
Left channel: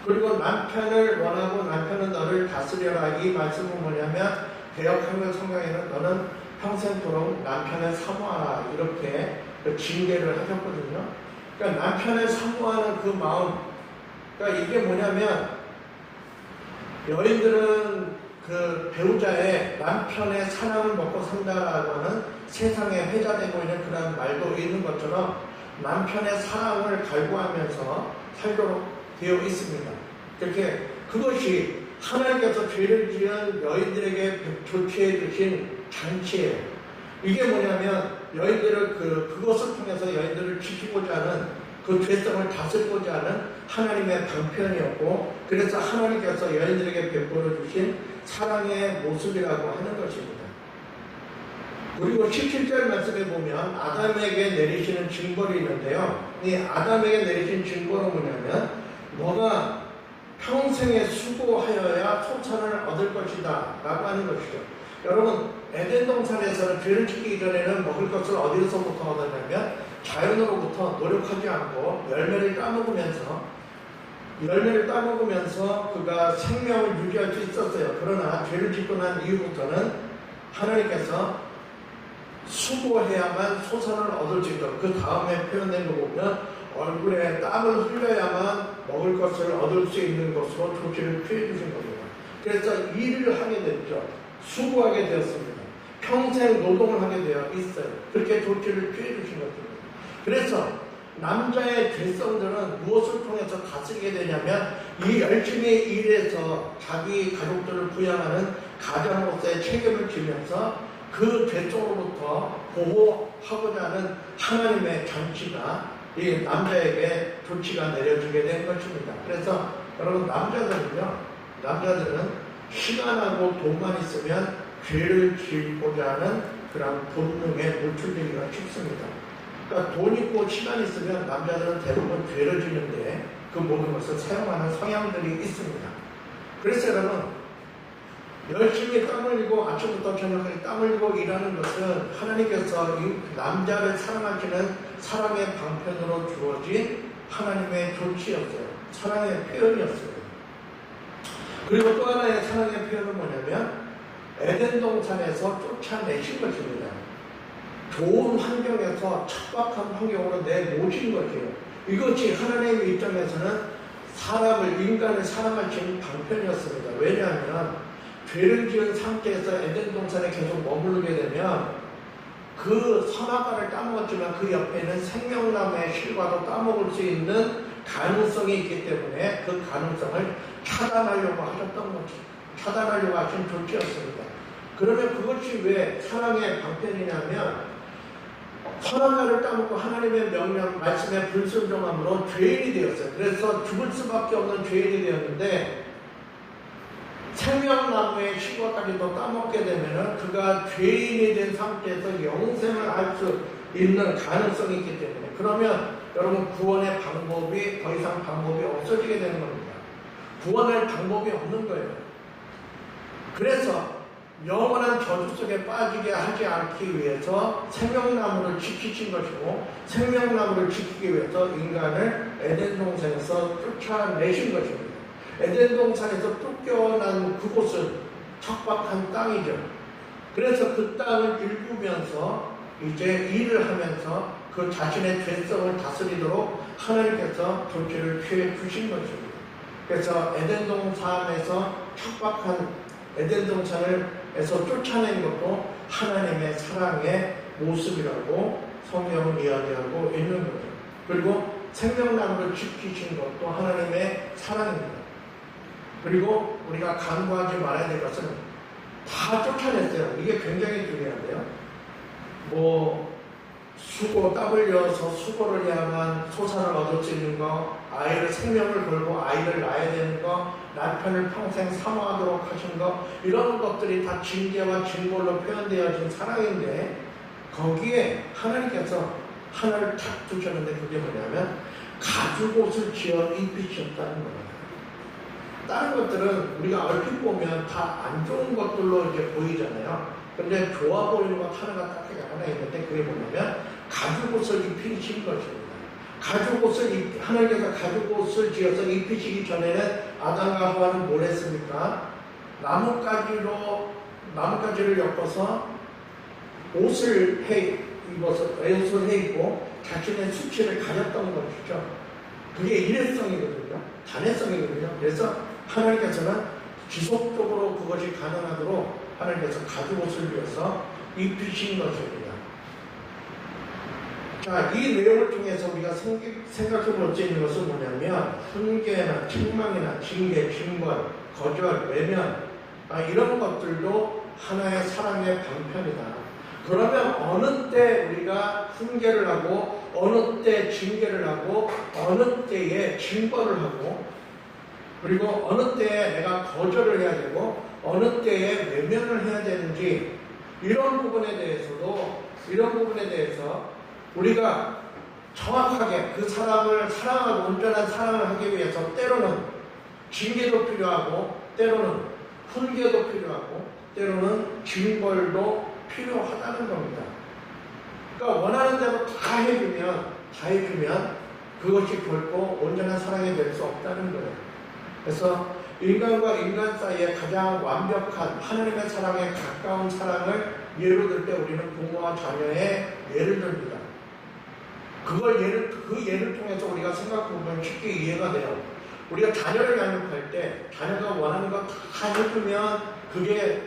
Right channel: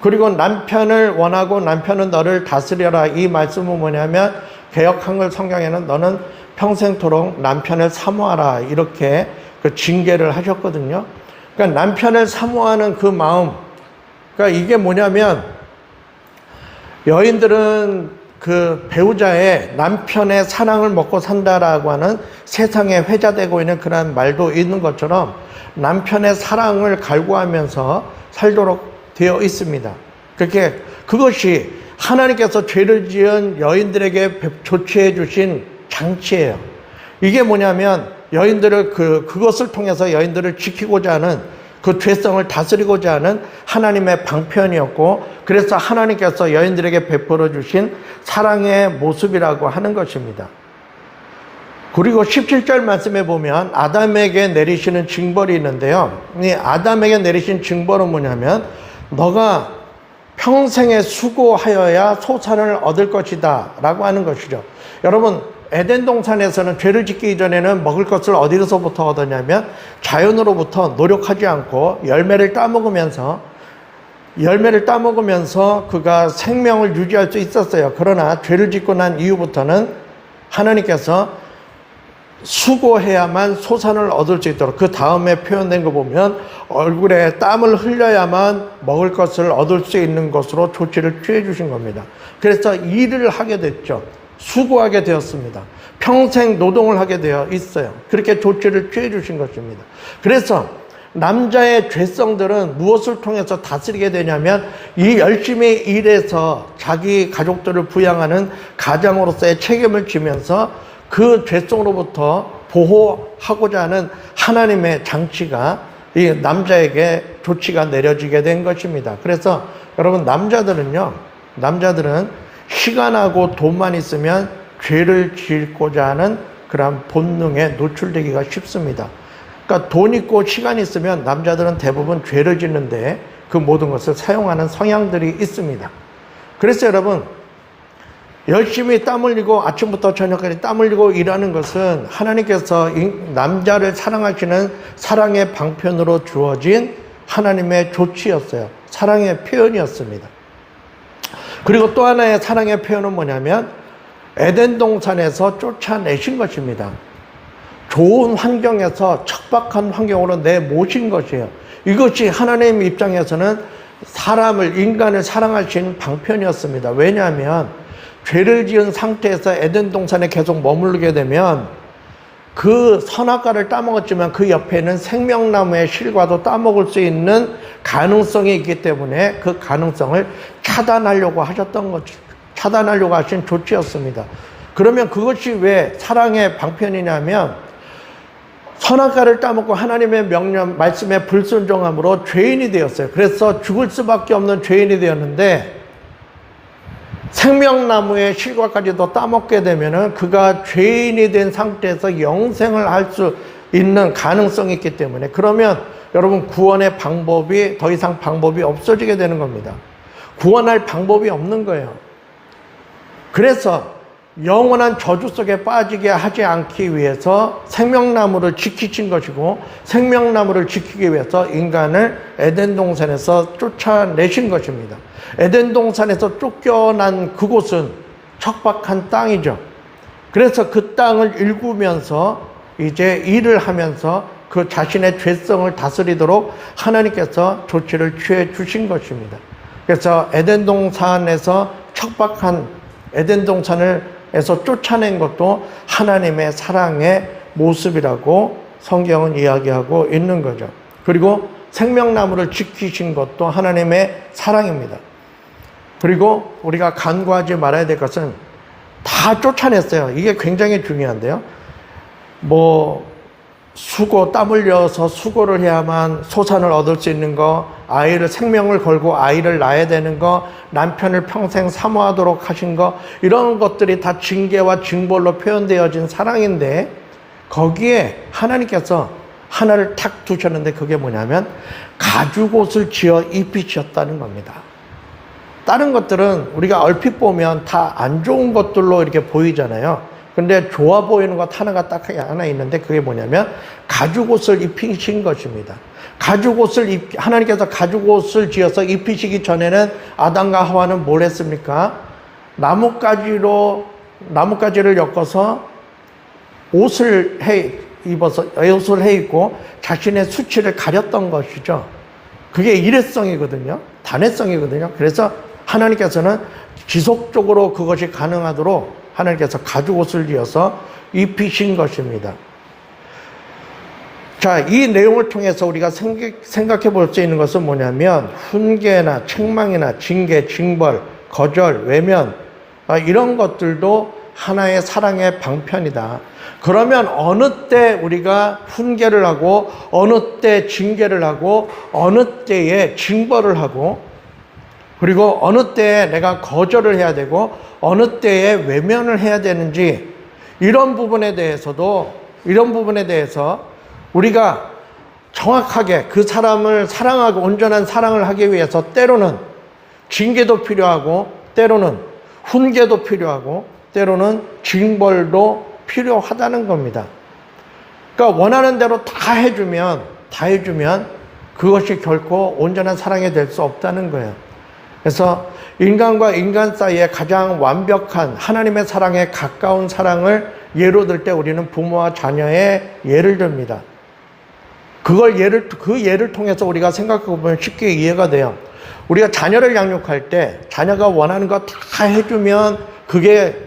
그리고 남편을 원하고 남편은 너를 다스려라. 이 말씀은 뭐냐면 개역한글 성경에는 너는 평생토록 남편을 사모하라 이렇게 그 징계를 하셨거든요. 그러니까 남편을 사모하는 그 마음, 그러니까 이게 뭐냐면 여인들은 그 배우자의 남편의 사랑을 먹고 산다라고 하는 세상에 회자되고 있는 그런 말도 있는 것처럼 남편의 사랑을 갈구하면서 살도록 되어 있습니다. 그것이 하나님께서 죄를 지은 여인들에게 조치해 주신 장치예요. 이게 뭐냐면 여인들을 그것을 통해서 여인들을 지키고자 하는 그 죄성을 다스리고자 하는 하나님의 방편이었고, 그래서 하나님께서 여인들에게 베풀어 주신 사랑의 모습이라고 하는 것입니다. 그리고 17절 말씀에 보면 아담에게 내리시는 징벌이 있는데요. 이 아담에게 내리신 징벌은 뭐냐면 너가 평생에 수고하여야 소산을 얻을 것이다 라고 하는 것이죠. 여러분, 에덴 동산에서는 죄를 짓기 이전에는 먹을 것을 어디서부터 얻었냐면 자연으로부터 노력하지 않고 열매를 따먹으면서 그가 생명을 유지할 수 있었어요. 그러나 죄를 짓고 난 이후부터는 하나님께서 수고해야만 소산을 얻을 수 있도록, 그 다음에 표현된 거 보면 얼굴에 땀을 흘려야만 먹을 것을 얻을 수 있는 것으로 조치를 취해 주신 겁니다. 그래서 일을 하게 됐죠. 수고하게 되었습니다. 평생 노동을 하게 되어 있어요. 그렇게 조치를 취해 주신 것입니다. 그래서 남자의 죄성들은 무엇을 통해서 다스리게 되냐면 이 열심히 일해서 자기 가족들을 부양하는 가장으로서의 책임을 지면서 그 죄성으로부터 보호하고자 하는 하나님의 장치가 이 남자에게 조치가 내려지게 된 것입니다. 그래서 여러분 남자들은 시간하고 돈만 있으면 죄를 짓고자 하는 그런 본능에 노출되기가 쉽습니다. 그러니까 돈 있고 시간 있으면 남자들은 대부분 죄를 짓는데 그 모든 것을 사용하는 성향들이 있습니다. 그래서 여러분 열심히 땀 흘리고 아침부터 저녁까지 땀 흘리고 일하는 것은 하나님께서 남자를 사랑하시는 사랑의 방편으로 주어진 하나님의 조치였어요. 사랑의 표현이었습니다. 그리고 또 하나의 사랑의 표현은 뭐냐면 에덴 동산에서 쫓아내신 것입니다. 좋은 환경에서 척박한 환경으로 내모신 것이에요. 이것이 하나님 입장에서는 인간을 사랑하신 방편이었습니다. 왜냐하면 죄를 지은 상태에서 에덴 동산에 계속 머무르게 되면 그 선악과를 따먹었지만 그 옆에는 생명나무의 실과도 따먹을 수 있는 가능성이 있기 때문에 그 가능성을 차단하려고 하신 조치였습니다. 그러면 그것이 왜 사랑의 방편이냐면 선악과를 따먹고 하나님의 명령, 말씀에 불순종함으로 죄인이 되었어요. 그래서 죽을 수밖에 없는 죄인이 되었는데 생명나무의 실과까지도 따먹게 되면은 그가 죄인이 된 상태에서 영생을 할 수 있는 가능성이 있기 때문에 그러면 여러분 구원의 방법이 더 이상 방법이 없어지게 되는 겁니다. 구원할 방법이 없는 거예요. 그래서 영원한 저주 속에 빠지게 하지 않기 위해서 생명나무를 지키신 것이고 생명나무를 지키기 위해서 인간을 에덴 동산에서 쫓아내신 것입니다. 에덴 동산에서 쫓겨난 그곳은 척박한 땅이죠. 그래서 그 땅을 일구면서 이제 일을 하면서 그 자신의 죄성을 다스리도록 하나님께서 조치를 취해 주신 것입니다. 그래서 에덴 동산에서 척박한 에덴 동산에서 쫓아낸 것도 하나님의 사랑의 모습이라고 성경은 이야기하고 있는 거죠. 그리고 생명나무를 지키신 것도 하나님의 사랑입니다. 그리고 우리가 간구하지 말아야 될 것은 다 쫓아냈어요. 이게 굉장히 중요한데요. 수고, 땀 흘려서 수고를 해야만 소산을 얻을 수 있는 거, 생명을 걸고 아이를 낳아야 되는 거, 남편을 평생 사모하도록 하신 거, 이런 것들이 다 징계와 징벌로 표현되어진 사랑인데, 거기에 하나님께서 하나를 탁 두셨는데 그게 뭐냐면, 가죽옷을 지어 입히셨다는 겁니다. 다른 것들은 우리가 얼핏 보면 다 안 좋은 것들로 이렇게 보이잖아요. 근데 좋아 보이는 것 하나 있는데 그게 뭐냐면 가죽옷을 입히신 것입니다. 하나님께서 가죽옷을 지어서 입히시기 전에는 아담과 하와는 뭘 했습니까? 나뭇가지를 엮어서 옷을 해 입고 자신의 수치를 가렸던 것이죠. 그게 일회성이거든요. 단회성이거든요. 그래서 하나님께서는 지속적으로 그것이 가능하도록 하나님께서 가죽옷을 지어서 입히신 것입니다. 자, 이 내용을 통해서 우리가 생각해 볼 수 있는 것은 뭐냐면 훈계나 책망이나 징계, 징벌, 거절, 외면 이런 것들도 하나의 사랑의 방편이다. 그러면 어느 때 우리가 훈계를 하고 어느 때 징계를 하고 어느 때에 징벌을 하고 그리고 어느 때에 내가 거절을 해야 되고 어느 때에 외면을 해야 되는지 이런 부분에 대해서 우리가 정확하게 그 사람을 사랑하고 온전한 사랑을 하기 위해서 때로는 징계도 필요하고 때로는 훈계도 필요하고 때로는 징벌도 필요하다는 겁니다. 그러니까 원하는 대로 다 해주면 그것이 결코 온전한 사랑이 될 수 없다는 거예요. 그래서 인간과 인간 사이에 가장 완벽한 하나님의 사랑에 가까운 사랑을 예로 들 때 우리는 부모와 자녀의 예를 듭니다. 그 예를 통해서 우리가 생각해 보면 쉽게 이해가 돼요. 우리가 자녀를 양육할 때 자녀가 원하는 거 다 해주면 그게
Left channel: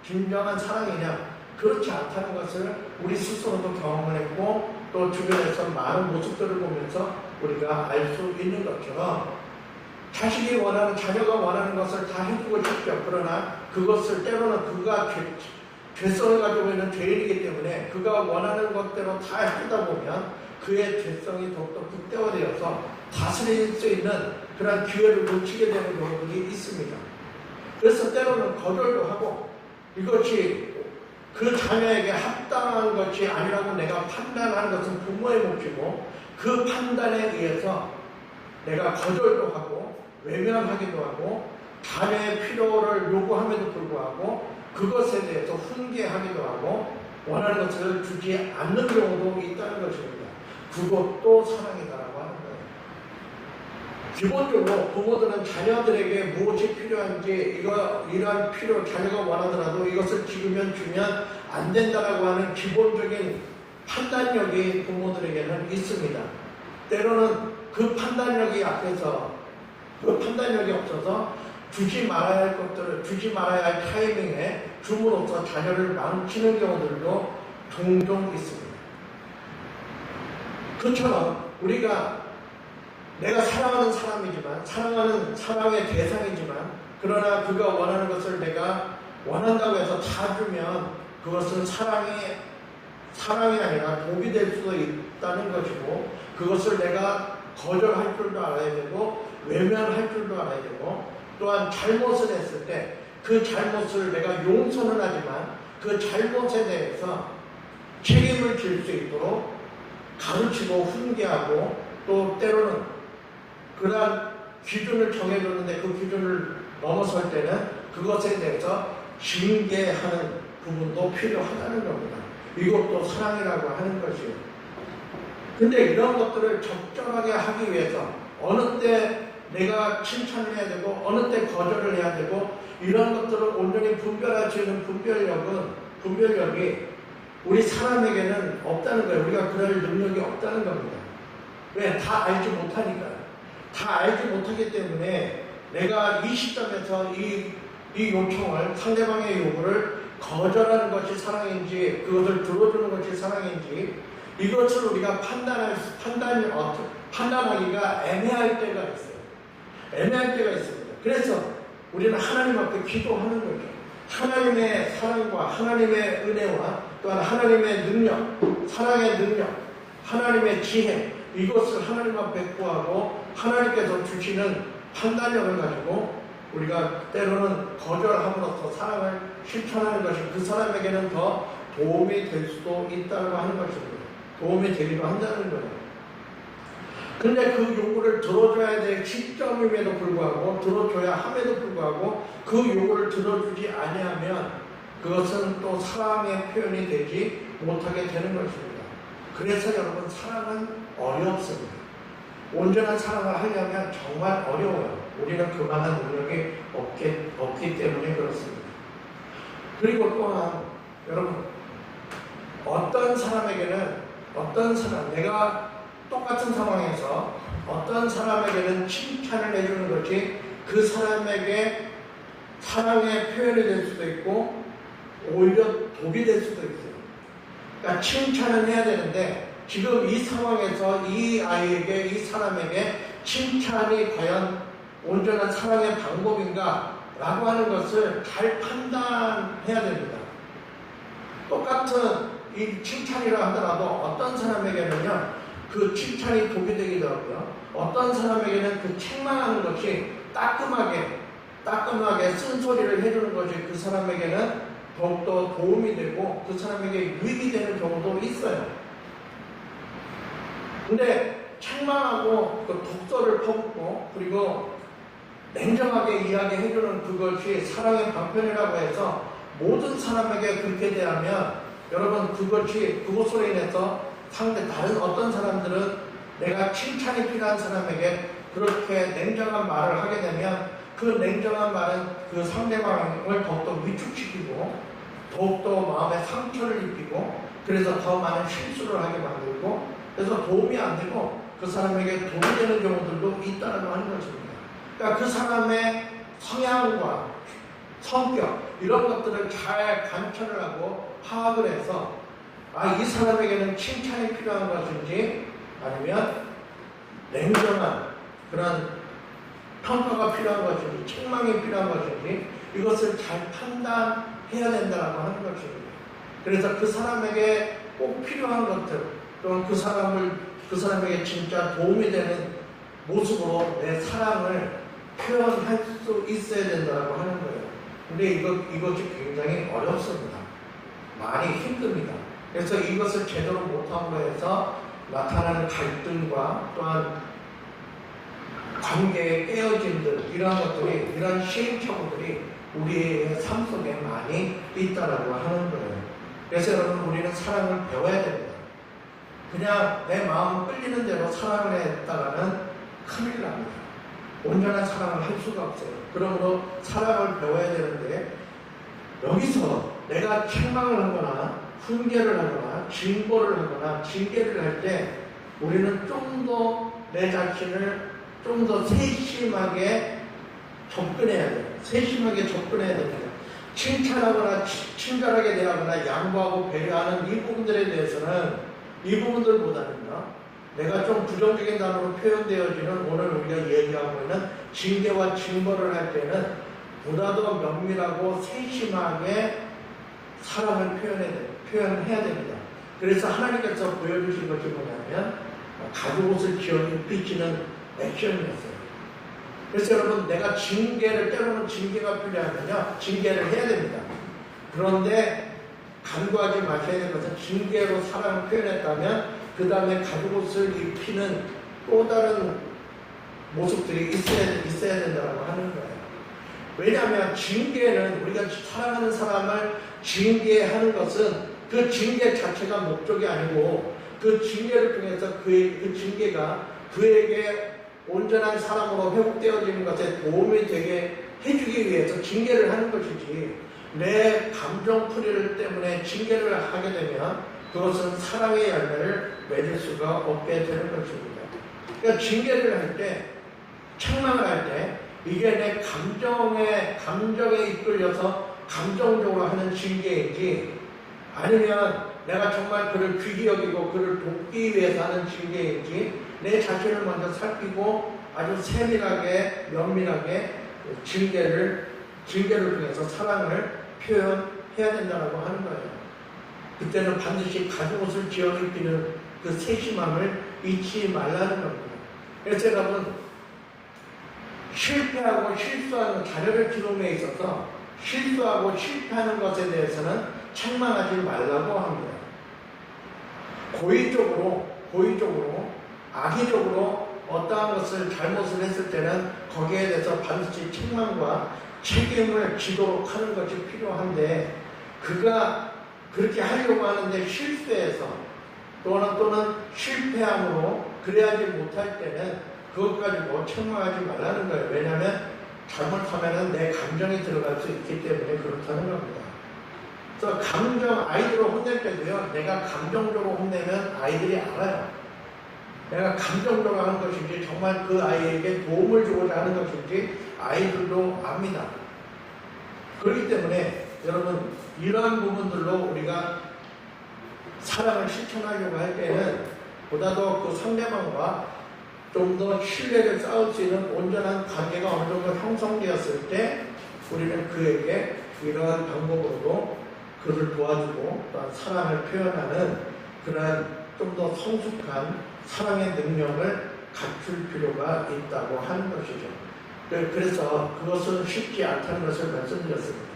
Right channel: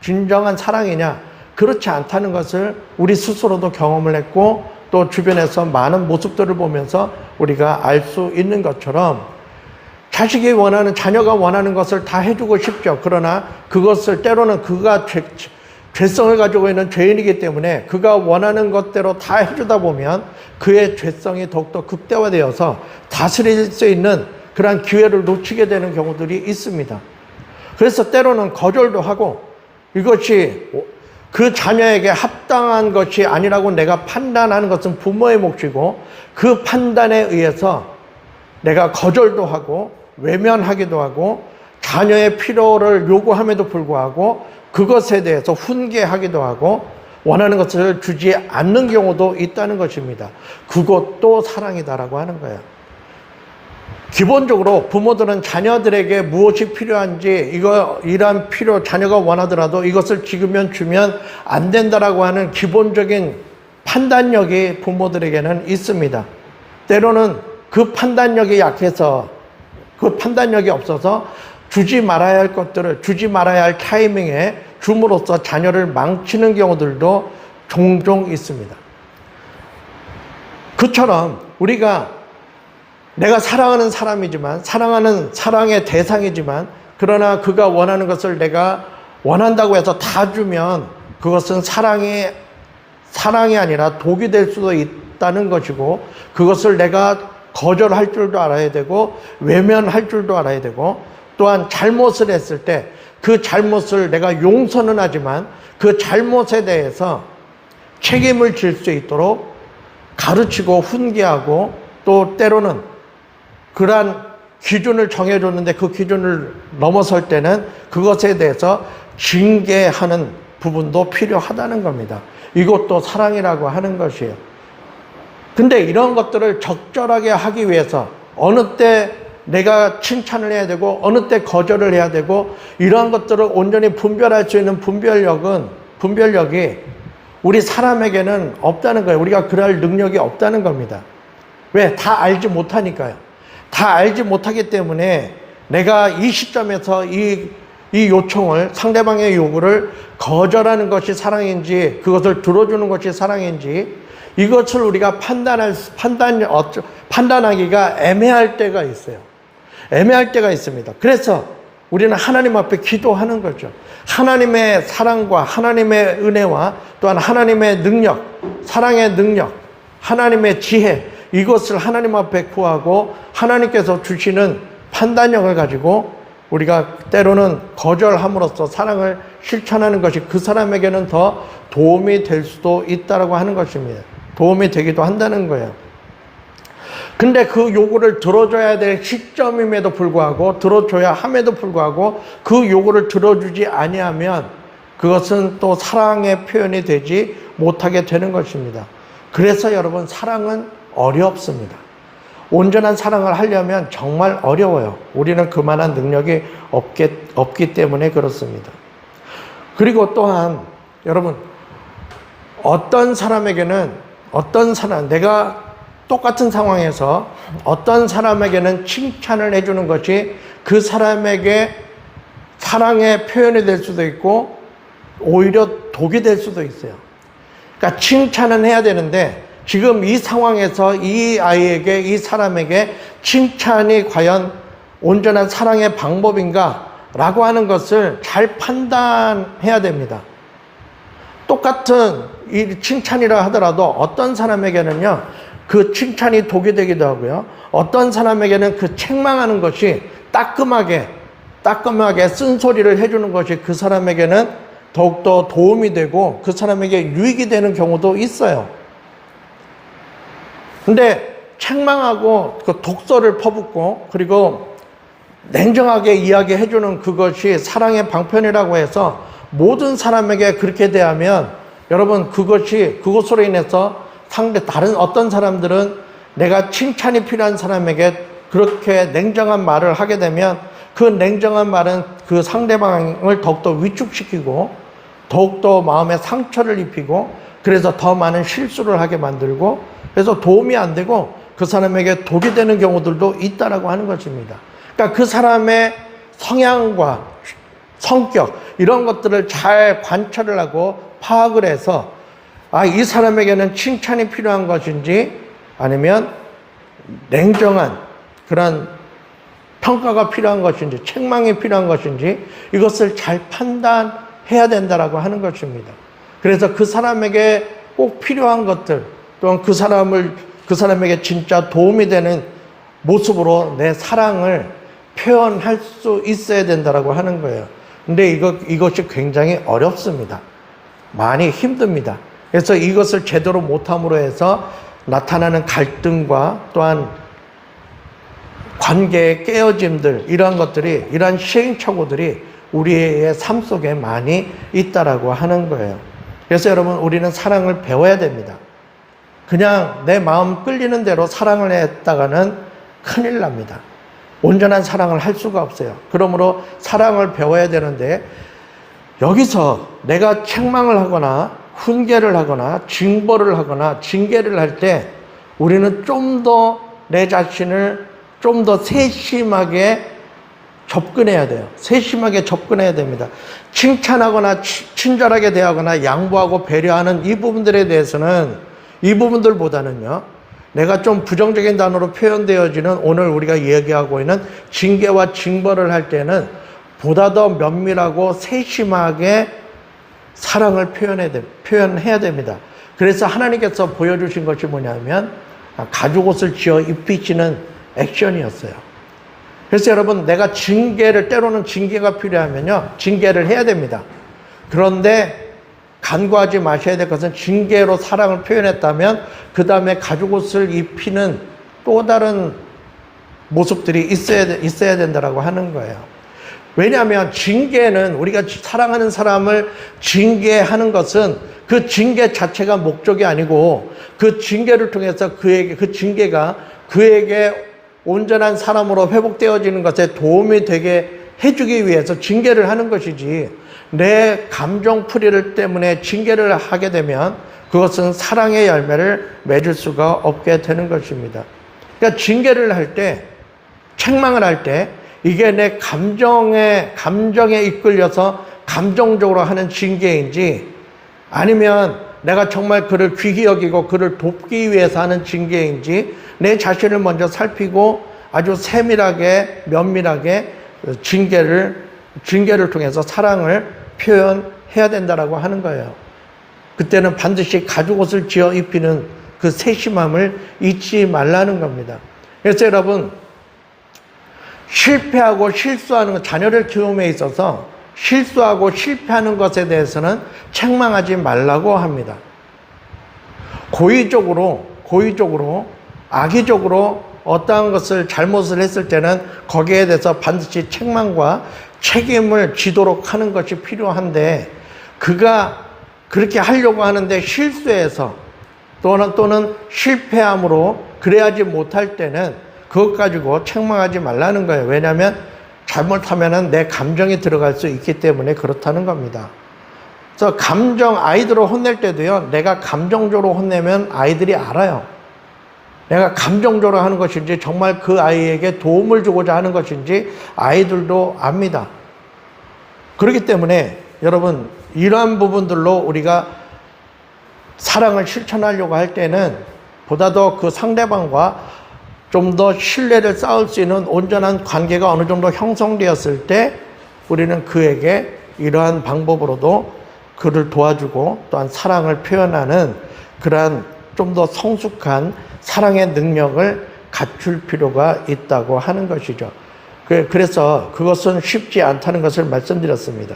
진정한 사랑이냐? 그렇지 않다는 것을 우리 스스로도 경험을 했고 또 주변에서 많은 모습들을 보면서 우리가 알 수 있는 것처럼 자식이 원하는, 자녀가 원하는 것을 다 해주고 싶죠. 그러나 그것을 때로는 그가 죄성을 가지고 있는 죄인이기 때문에 그가 원하는 것대로 다 해주다 보면 그의 죄성이 더욱더 극대화되어서 다스릴 수 있는 그러한 기회를 놓치게 되는 경우들이 있습니다. 그래서 때로는 거절도 하고 이것이 그 자녀에게 합당한 것이 아니라고 내가 판단하는 것은 부모의 몫이고 그 판단에 의해서 내가 거절도 하고 외면하기도 하고 자녀의 필요를 요구함에도 불구하고 그것에 대해서 훈계하기도 하고 원하는 것을 주지 않는 경우도 있다는 것입니다. 그것도 사랑이다라고 하는 거예요. 기본적으로 부모들은 자녀들에게 무엇이 필요한지 이러한 필요 자녀가 원하더라도 이것을 지금면 주면 안 된다라고 하는 기본적인 판단력이 부모들에게는 있습니다. 때로는 그 판단력이 약해서 그 판단력이 없어서 주지 말아야 할 것들을 주지 말아야 할 타이밍에 줌으로써 자녀를 망치는 경우들도 종종 있습니다. 그처럼 우리가 내가 사랑하는 사람이지만 사랑의 대상이지만 그러나 그가 원하는 것을 내가 원한다고 해서 다 주면 그것은 사랑이 아니라 독이 될 수도 있다는 것이고 그것을 내가 거절할 줄도 알아야 되고 외면할 줄도 알아야 되고 또한 잘못을 했을 때 그 잘못을 내가 용서는 하지만 그 잘못에 대해서 책임을 질 수 있도록 가르치고 훈계하고 또 때로는 그러한 기준을 정해줬는데 그 기준을 넘어설 때는 그것에 대해서 징계하는 부분도 필요하다는 겁니다. 이것도 사랑이라고 하는 것이에요. 근데 이런 것들을 적절하게 하기 위해서 어느 때 내가 칭찬을 해야 되고 어느 때 거절을 해야 되고 이러한 것들을 온전히 분별할 수 있는 분별력이 우리 사람에게는 없다는 거예요. 우리가 그럴 능력이 없다는 겁니다. 왜? 다 알지 못하니까요. 다 알지 못하기 때문에 내가 이 시점에서 이 요청을 상대방의 요구를 거절하는 것이 사랑인지 그것을 들어주는 것이 사랑인지 이것을 우리가 판단하기가 애매할 때가 있어요. 애매할 때가 있습니다. 그래서 우리는 하나님 앞에 기도하는 거죠. 하나님의 사랑과 하나님의 은혜와 또한 하나님의 능력, 사랑의 능력, 하나님의 지혜 이것을 하나님 앞에 구하고 하나님께서 주시는 판단력을 가지고 우리가 때로는 거절함으로써 사랑을 실천하는 것이 그 사람에게는 더 도움이 될 수도 있다고 하는 것입니다. 도움이 되기도 한다는 거예요. 근데 그 요구를 들어줘야 될 시점임에도 불구하고 들어줘야 함에도 불구하고 그 요구를 들어주지 아니하면 그것은 또 사랑의 표현이 되지 못하게 되는 것입니다. 그래서 여러분 사랑은 어렵습니다. 온전한 사랑을 하려면 정말 어려워요. 우리는 그만한 능력이 없기 때문에 그렇습니다. 그리고 또한 여러분 내가 똑같은 상황에서 어떤 사람에게는 칭찬을 해주는 것이 그 사람에게 사랑의 표현이 될 수도 있고 오히려 독이 될 수도 있어요. 그러니까 칭찬은 해야 되는데 지금 이 상황에서 이 아이에게 이 사람에게 칭찬이 과연 온전한 사랑의 방법인가 라고 하는 것을 잘 판단해야 됩니다. 똑같은 이 칭찬이라 하더라도 어떤 사람에게는요 그 칭찬이 독이 되기도 하고요 어떤 사람에게는 그 책망하는 것이 따끔하게 쓴소리를 해주는 것이 그 사람에게는 더욱더 도움이 되고 그 사람에게 유익이 되는 경우도 있어요. 근데 책망하고 그 독소를 퍼붓고 그리고 냉정하게 이야기해주는 그것이 사랑의 방편이라고 해서 모든 사람에게 그렇게 대하면 여러분 그것으로 인해서 다른 어떤 사람들은 내가 칭찬이 필요한 사람에게 그렇게 냉정한 말을 하게 되면 그 냉정한 말은 그 상대방을 더욱더 위축시키고 더욱더 마음에 상처를 입히고 그래서 더 많은 실수를 하게 만들고 그래서 도움이 안 되고 그 사람에게 독이 되는 경우들도 있다라고 하는 것입니다. 그러니까 그 사람의 성향과 성격 이런 것들을 잘 관찰을 하고 파악을 해서 이 사람에게는 칭찬이 필요한 것인지 아니면 냉정한 그런 평가가 필요한 것인지 책망이 필요한 것인지 이것을 잘 판단해야 된다라고 하는 것입니다. 그래서 그 사람에게 꼭 필요한 것들 또는 그 사람에게 진짜 도움이 되는 모습으로 내 사랑을 표현할 수 있어야 된다라고 하는 거예요. 근데 이것이 굉장히 어렵습니다. 많이 힘듭니다. 그래서 이것을 제대로 못함으로 해서 나타나는 갈등과 또한 관계의 깨어짐들 이러한 것들이 이러한 시행착오들이 우리의 삶 속에 많이 있다라고 하는 거예요. 그래서 여러분 우리는 사랑을 배워야 됩니다. 그냥 내 마음 끌리는 대로 사랑을 했다가는 큰일 납니다. 온전한 사랑을 할 수가 없어요. 그러므로 사랑을 배워야 되는데 여기서 내가 책망을 하거나 훈계를 하거나 징벌을 하거나 징계를 할 때 우리는 좀 더 내 자신을 좀 더 세심하게 접근해야 돼요. 세심하게 접근해야 됩니다. 칭찬하거나 친절하게 대하거나 양보하고 배려하는 이 부분들에 대해서는 이 부분들보다는요. 내가 좀 부정적인 단어로 표현되어지는 오늘 우리가 이야기하고 있는 징계와 징벌을 할 때는 보다 더 면밀하고 세심하게 사랑을 표현해야 됩니다. 그래서 하나님께서 보여주신 것이 뭐냐면 가죽옷을 지어 입히시는 액션이었어요. 그래서 여러분 내가 때로는 징계가 필요하면요 징계를 해야 됩니다. 그런데 간과하지 마셔야 될 것은 징계로 사랑을 표현했다면 그 다음에 가죽옷을 입히는 또 다른 모습들이 있어야 된다라고 하는 거예요. 왜냐하면 징계는 우리가 사랑하는 사람을 징계하는 것은 그 징계 자체가 목적이 아니고 그 징계를 통해서 그 징계가 그에게 온전한 사람으로 회복되어지는 것에 도움이 되게 해주기 위해서 징계를 하는 것이지 내 감정풀이를 때문에 징계를 하게 되면 그것은 사랑의 열매를 맺을 수가 없게 되는 것입니다. 그러니까 징계를 할 때, 책망을 할 때 이게 내 감정에 이끌려서 감정적으로 하는 징계인지 아니면 내가 정말 그를 귀히 여기고 그를 돕기 위해서 하는 징계인지 내 자신을 먼저 살피고 아주 세밀하게 면밀하게 징계를 통해서 사랑을 표현해야 된다라고 하는 거예요. 그때는 반드시 가죽옷을 지어 입히는 그 세심함을 잊지 말라는 겁니다. 그래서 여러분 실패하고 실수하는 것, 자녀를 키움에 있어서 실수하고 실패하는 것에 대해서는 책망하지 말라고 합니다. 고의적으로 악의적으로 어떠한 것을 잘못을 했을 때는 거기에 대해서 반드시 책망과 책임을 지도록 하는 것이 필요한데 그가 그렇게 하려고 하는데 실수해서 또는 실패함으로 그래야지 못할 때는 그것 가지고 책망하지 말라는 거예요. 왜냐하면 잘못하면 내 감정이 들어갈 수 있기 때문에 그렇다는 겁니다. 그래서 아이들을 혼낼 때도요, 내가 감정적으로 혼내면 아이들이 알아요. 내가 감정적으로 하는 것인지 정말 그 아이에게 도움을 주고자 하는 것인지 아이들도 압니다. 그렇기 때문에 여러분 이러한 부분들로 우리가 사랑을 실천하려고 할 때는 보다 더 그 상대방과 좀 더 신뢰를 쌓을 수 있는 온전한 관계가 어느 정도 형성되었을 때 우리는 그에게 이러한 방법으로도 그를 도와주고 또한 사랑을 표현하는 그러한 좀 더 성숙한 사랑의 능력을 갖출 필요가 있다고 하는 것이죠. 그래서 그것은 쉽지 않다는 것을 말씀드렸습니다.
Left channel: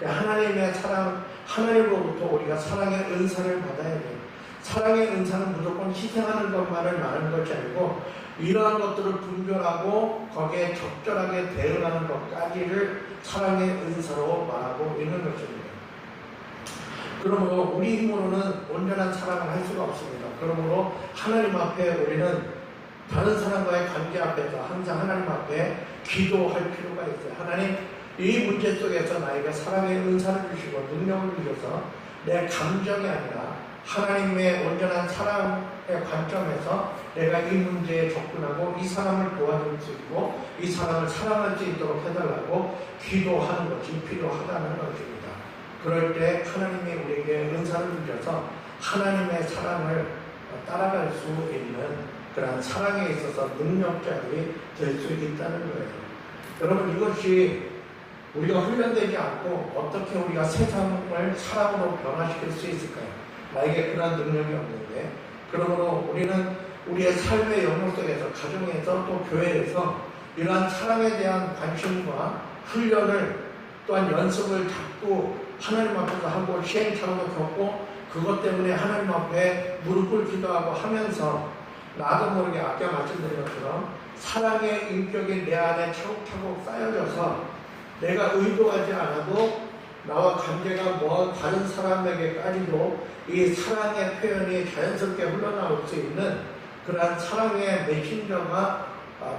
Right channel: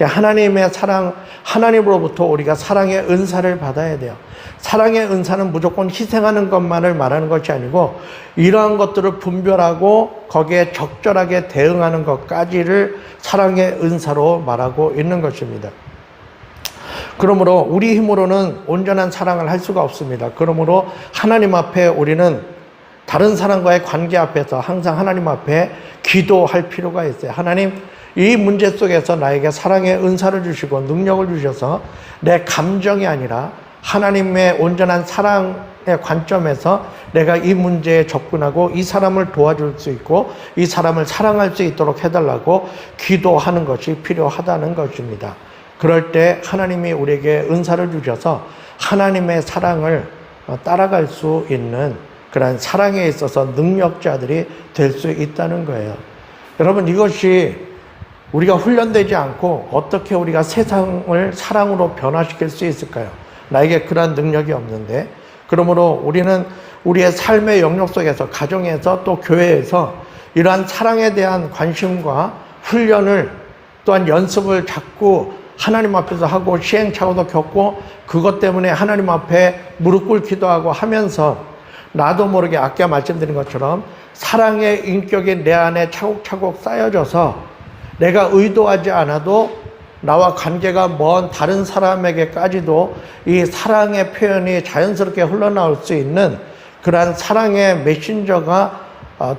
하나님의 사랑, 하나님으로부터 우리가 사랑의 은사를 받아야 돼요. 사랑의 은사는 무조건 희생하는 것만을 말하는 것이 아니고 이러한 것들을 분별하고 거기에 적절하게 대응하는 것까지를 사랑의 은사로 말하고 있는 것입니다. 그러므로 우리 힘으로는 온전한 사랑을 할 수가 없습니다. 그러므로 하나님 앞에 우리는 다른 사람과의 관계 앞에서 항상 하나님 앞에 기도할 필요가 있어요. 하나님, 이 문제 속에서 나에게 사랑의 은사를 주시고 능력을 주셔서 내 감정이 아니라 하나님의 온전한 사랑의 관점에서 내가 이 문제에 접근하고 이 사람을 도와줄 수 있고 이 사람을 사랑할 수 있도록 해달라고 기도하는 것이 필요하다는 것입니다. 그럴 때 하나님이 우리에게 은사를 주셔서 하나님의 사랑을 따라갈 수 있는 그런 사랑에 있어서 능력자들이 될 수 있다는 거예요. 여러분, 이것이 우리가 훈련되지 않고 어떻게 우리가 세상을 사랑으로 변화시킬 수 있을까요? 나에게 그런 능력이 없는데. 그러므로 우리는 우리의 삶의 영역 속에서, 가정에서 또 교회에서 이러한 사랑에 대한 관심과 훈련을, 또한 연습을 자꾸 하나님 앞에서 하고 시행착오도 겪고 그것 때문에 하나님 앞에 무릎 꿇기도 하고 하면서 나도 모르게 아까 말씀드린 것처럼 사랑의 인격이 내 안에 차곡차곡 쌓여져서 내가 의도하지 않아도 나와 관계가 먼 다른 사람에게까지도 이 사랑의 표현이 자연스럽게 흘러나올 수 있는 그러한 사랑의 메신저가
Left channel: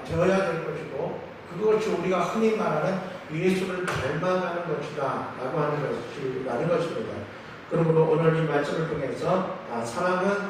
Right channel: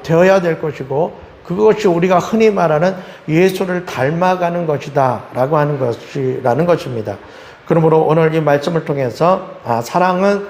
되어야 될 것이고, 그것이 우리가 흔히 말하는 예수를 닮아가는 것이다 라고 하는 것이라는 것입니다. 그러므로 오늘 이 말씀을 통해서 사랑은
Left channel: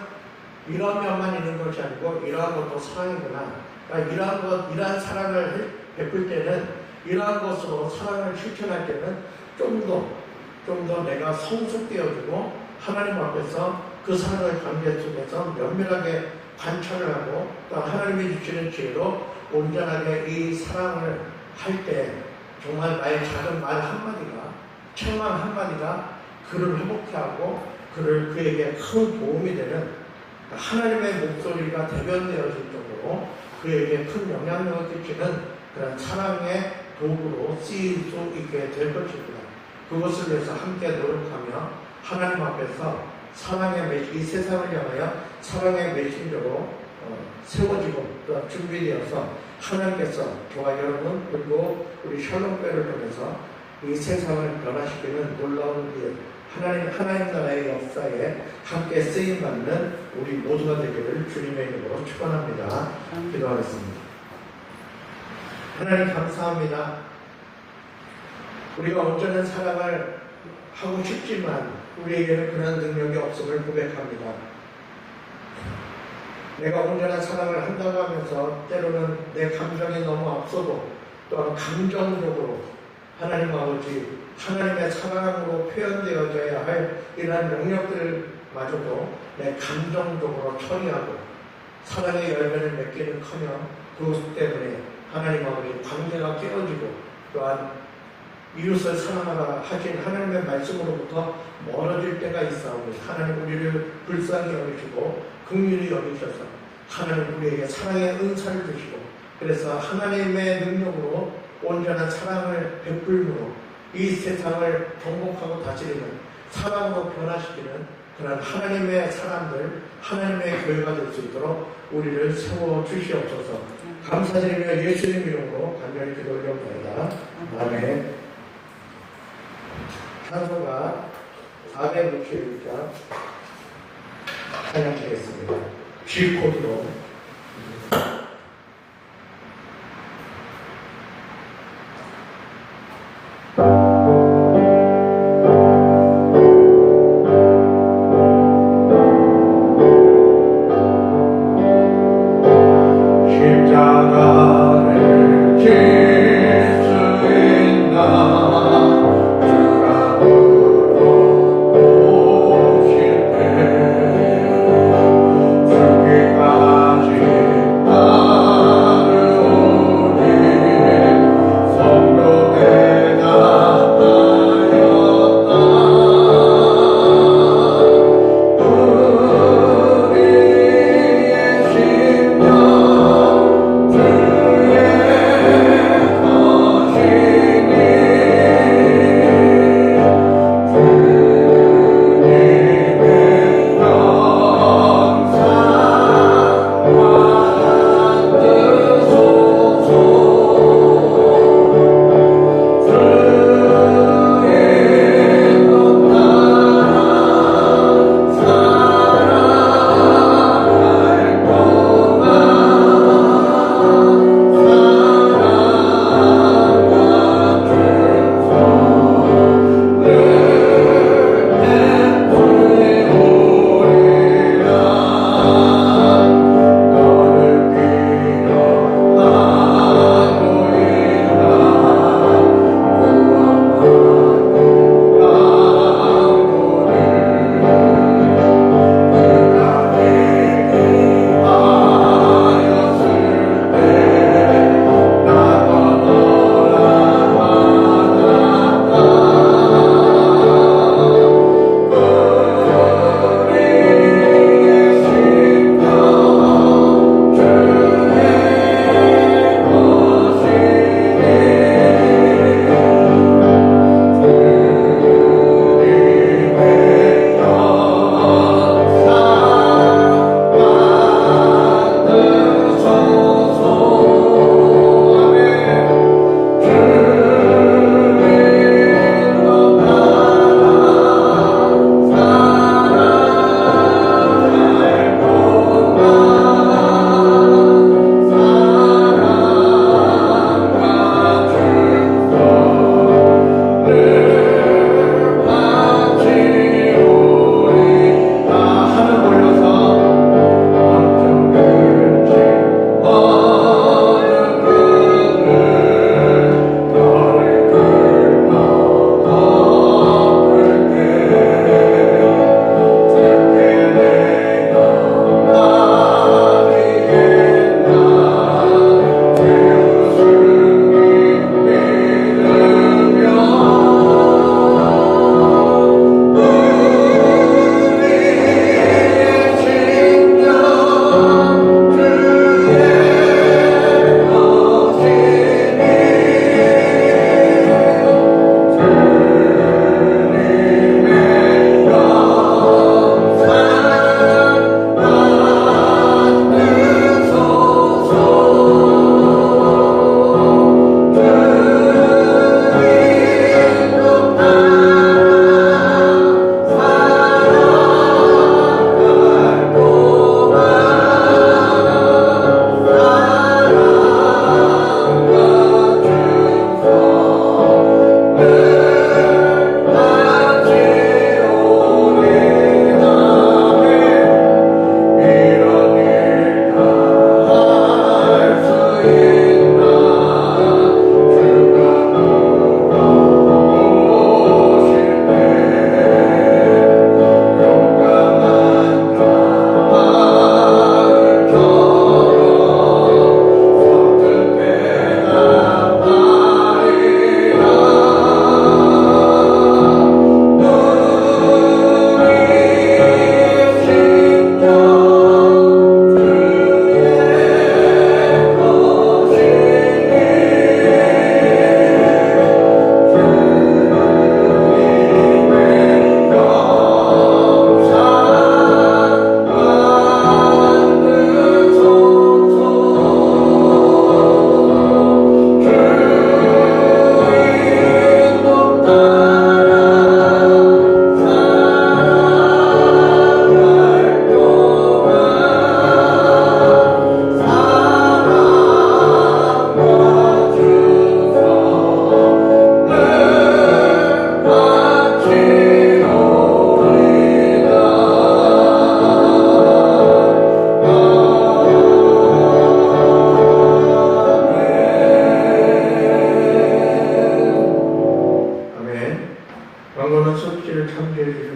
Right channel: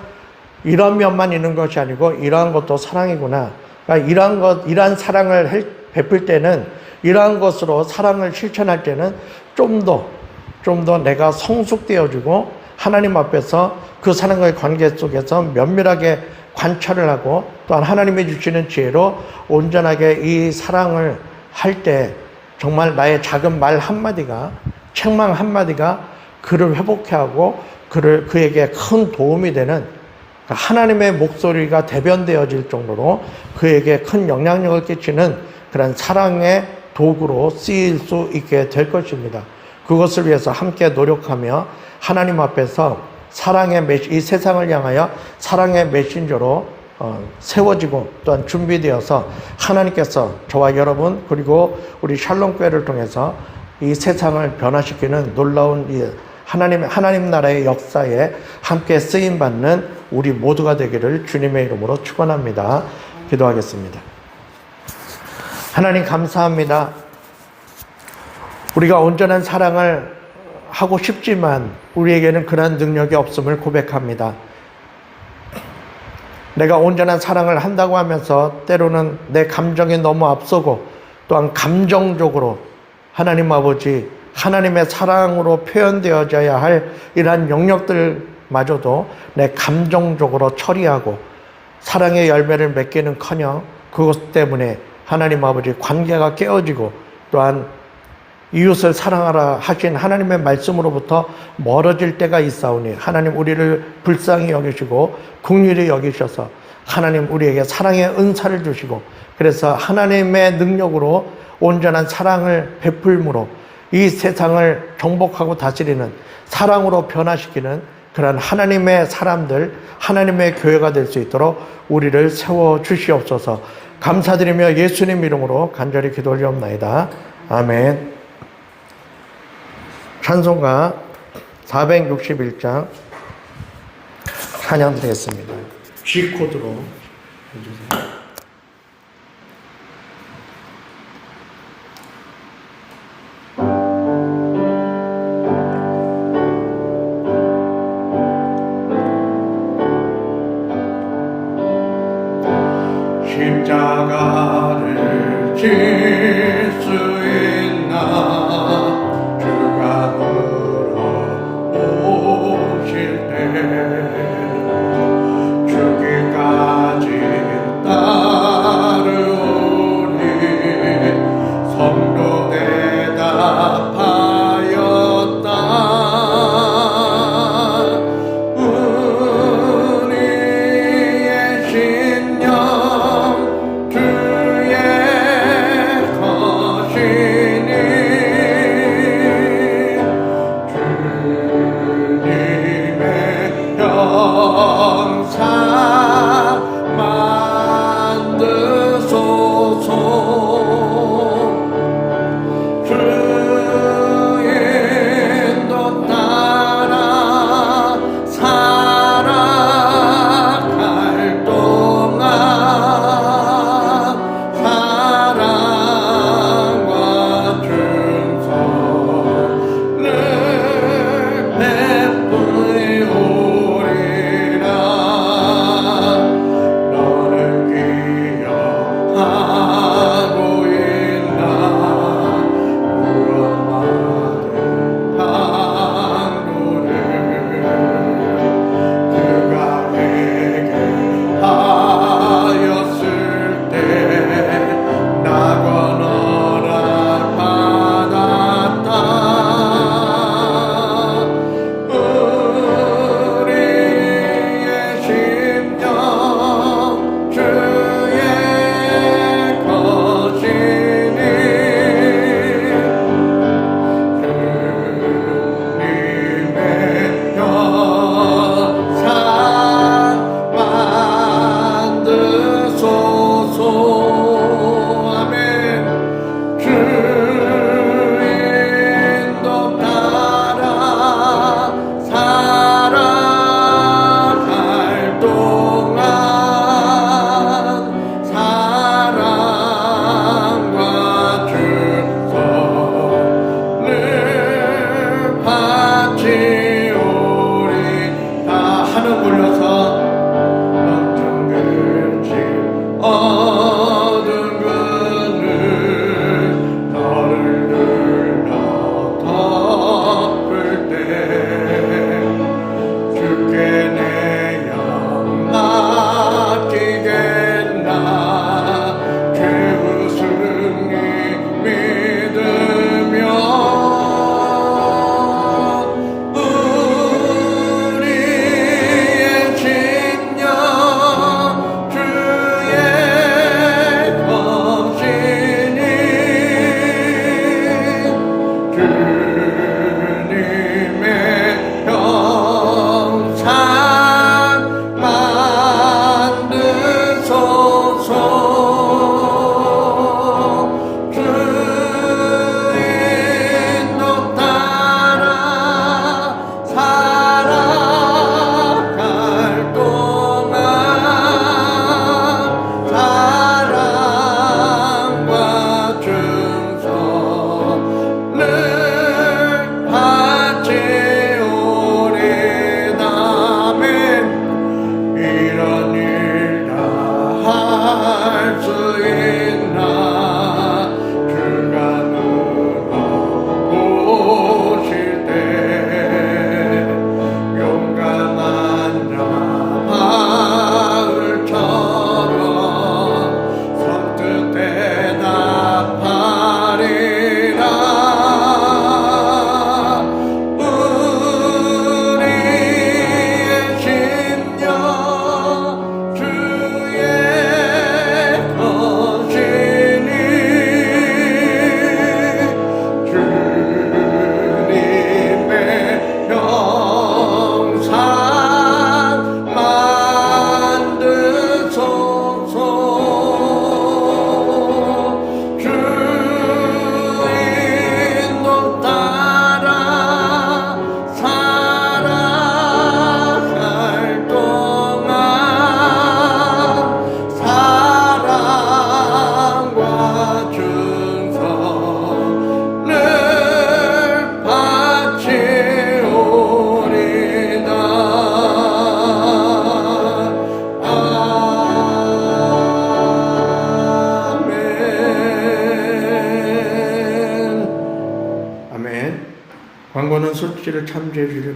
이런 면만 있는 것이 아니고 이러한 것도 사랑이구나. 그러니까 이러한 사랑을 베풀 때는, 이러한 것으로 사랑을 실천할 때는 좀 더 내가 성숙되어지고 하나님 앞에서 그 사랑과의 관계 속에서 면밀하게 관찰을 하고, 또한 하나님이 주시는 지혜로 온전하게 이 사랑을 할 때 정말 나의 작은 말 한마디가, 책망 한마디가 그를 회복해 하고 그에게 큰 도움이 되는 하나님의 목소리가 대변되어질 정도로 그에게 큰 영향력을 끼치는 그런 사랑의 도구로 쓰일 수 있게 될 것입니다. 그것을 위해서 함께 노력하며 하나님 앞에서 이 세상을 향하여 사랑의 메신저로 세워지고 또한 준비되어서 하나님께서 저와 여러분 그리고 우리 샬롬교회를 통해서 이 세상을 변화시키는 놀라운 이 하나님 나라의 역사에 함께 쓰임받는 우리 모두가 되기를 주님의 이름으로 축원합니다. 기도하겠습니다. 하나님 감사합니다. 우리가 온전한 사랑을 하고 싶지만 우리에게는 그런 능력이 없음을 고백합니다. 내가 온전한 사랑을 한다고 하면서 때로는 내 감정이 너무 앞서고 또한 감정적으로 하나님 아버지 하나님의 사랑으로 표현되어져야 할 이러한 영역들마저도 내 감정적으로 처리하고 사랑의 열매를 맺기는커녕 그것 때문에 하나님 아버지 관계가 깨어지고 또한 이웃을 사랑하라 하신 하나님의 말씀으로부터 멀어질 때가 있사오니 하나님 우리를 불쌍히 여기시고 긍휼히 여기셔서 하나님 우리에게 사랑의 은사를 주시고 그래서 하나님의 능력으로 온전한 사랑을 베풀므로 이 세상을 정복하고 다스리는 사랑으로 변화시키는 그런 하나님의 사람들, 하나님의 교회가 될 수 있도록 우리를 세워 주시옵소서. 감사드리며 예수님 이름으로 간절히 기도 올리옵나이다. 아멘. 찬송가 461장 찬양 드리겠습니다. G코드로 해주세요. 주기까지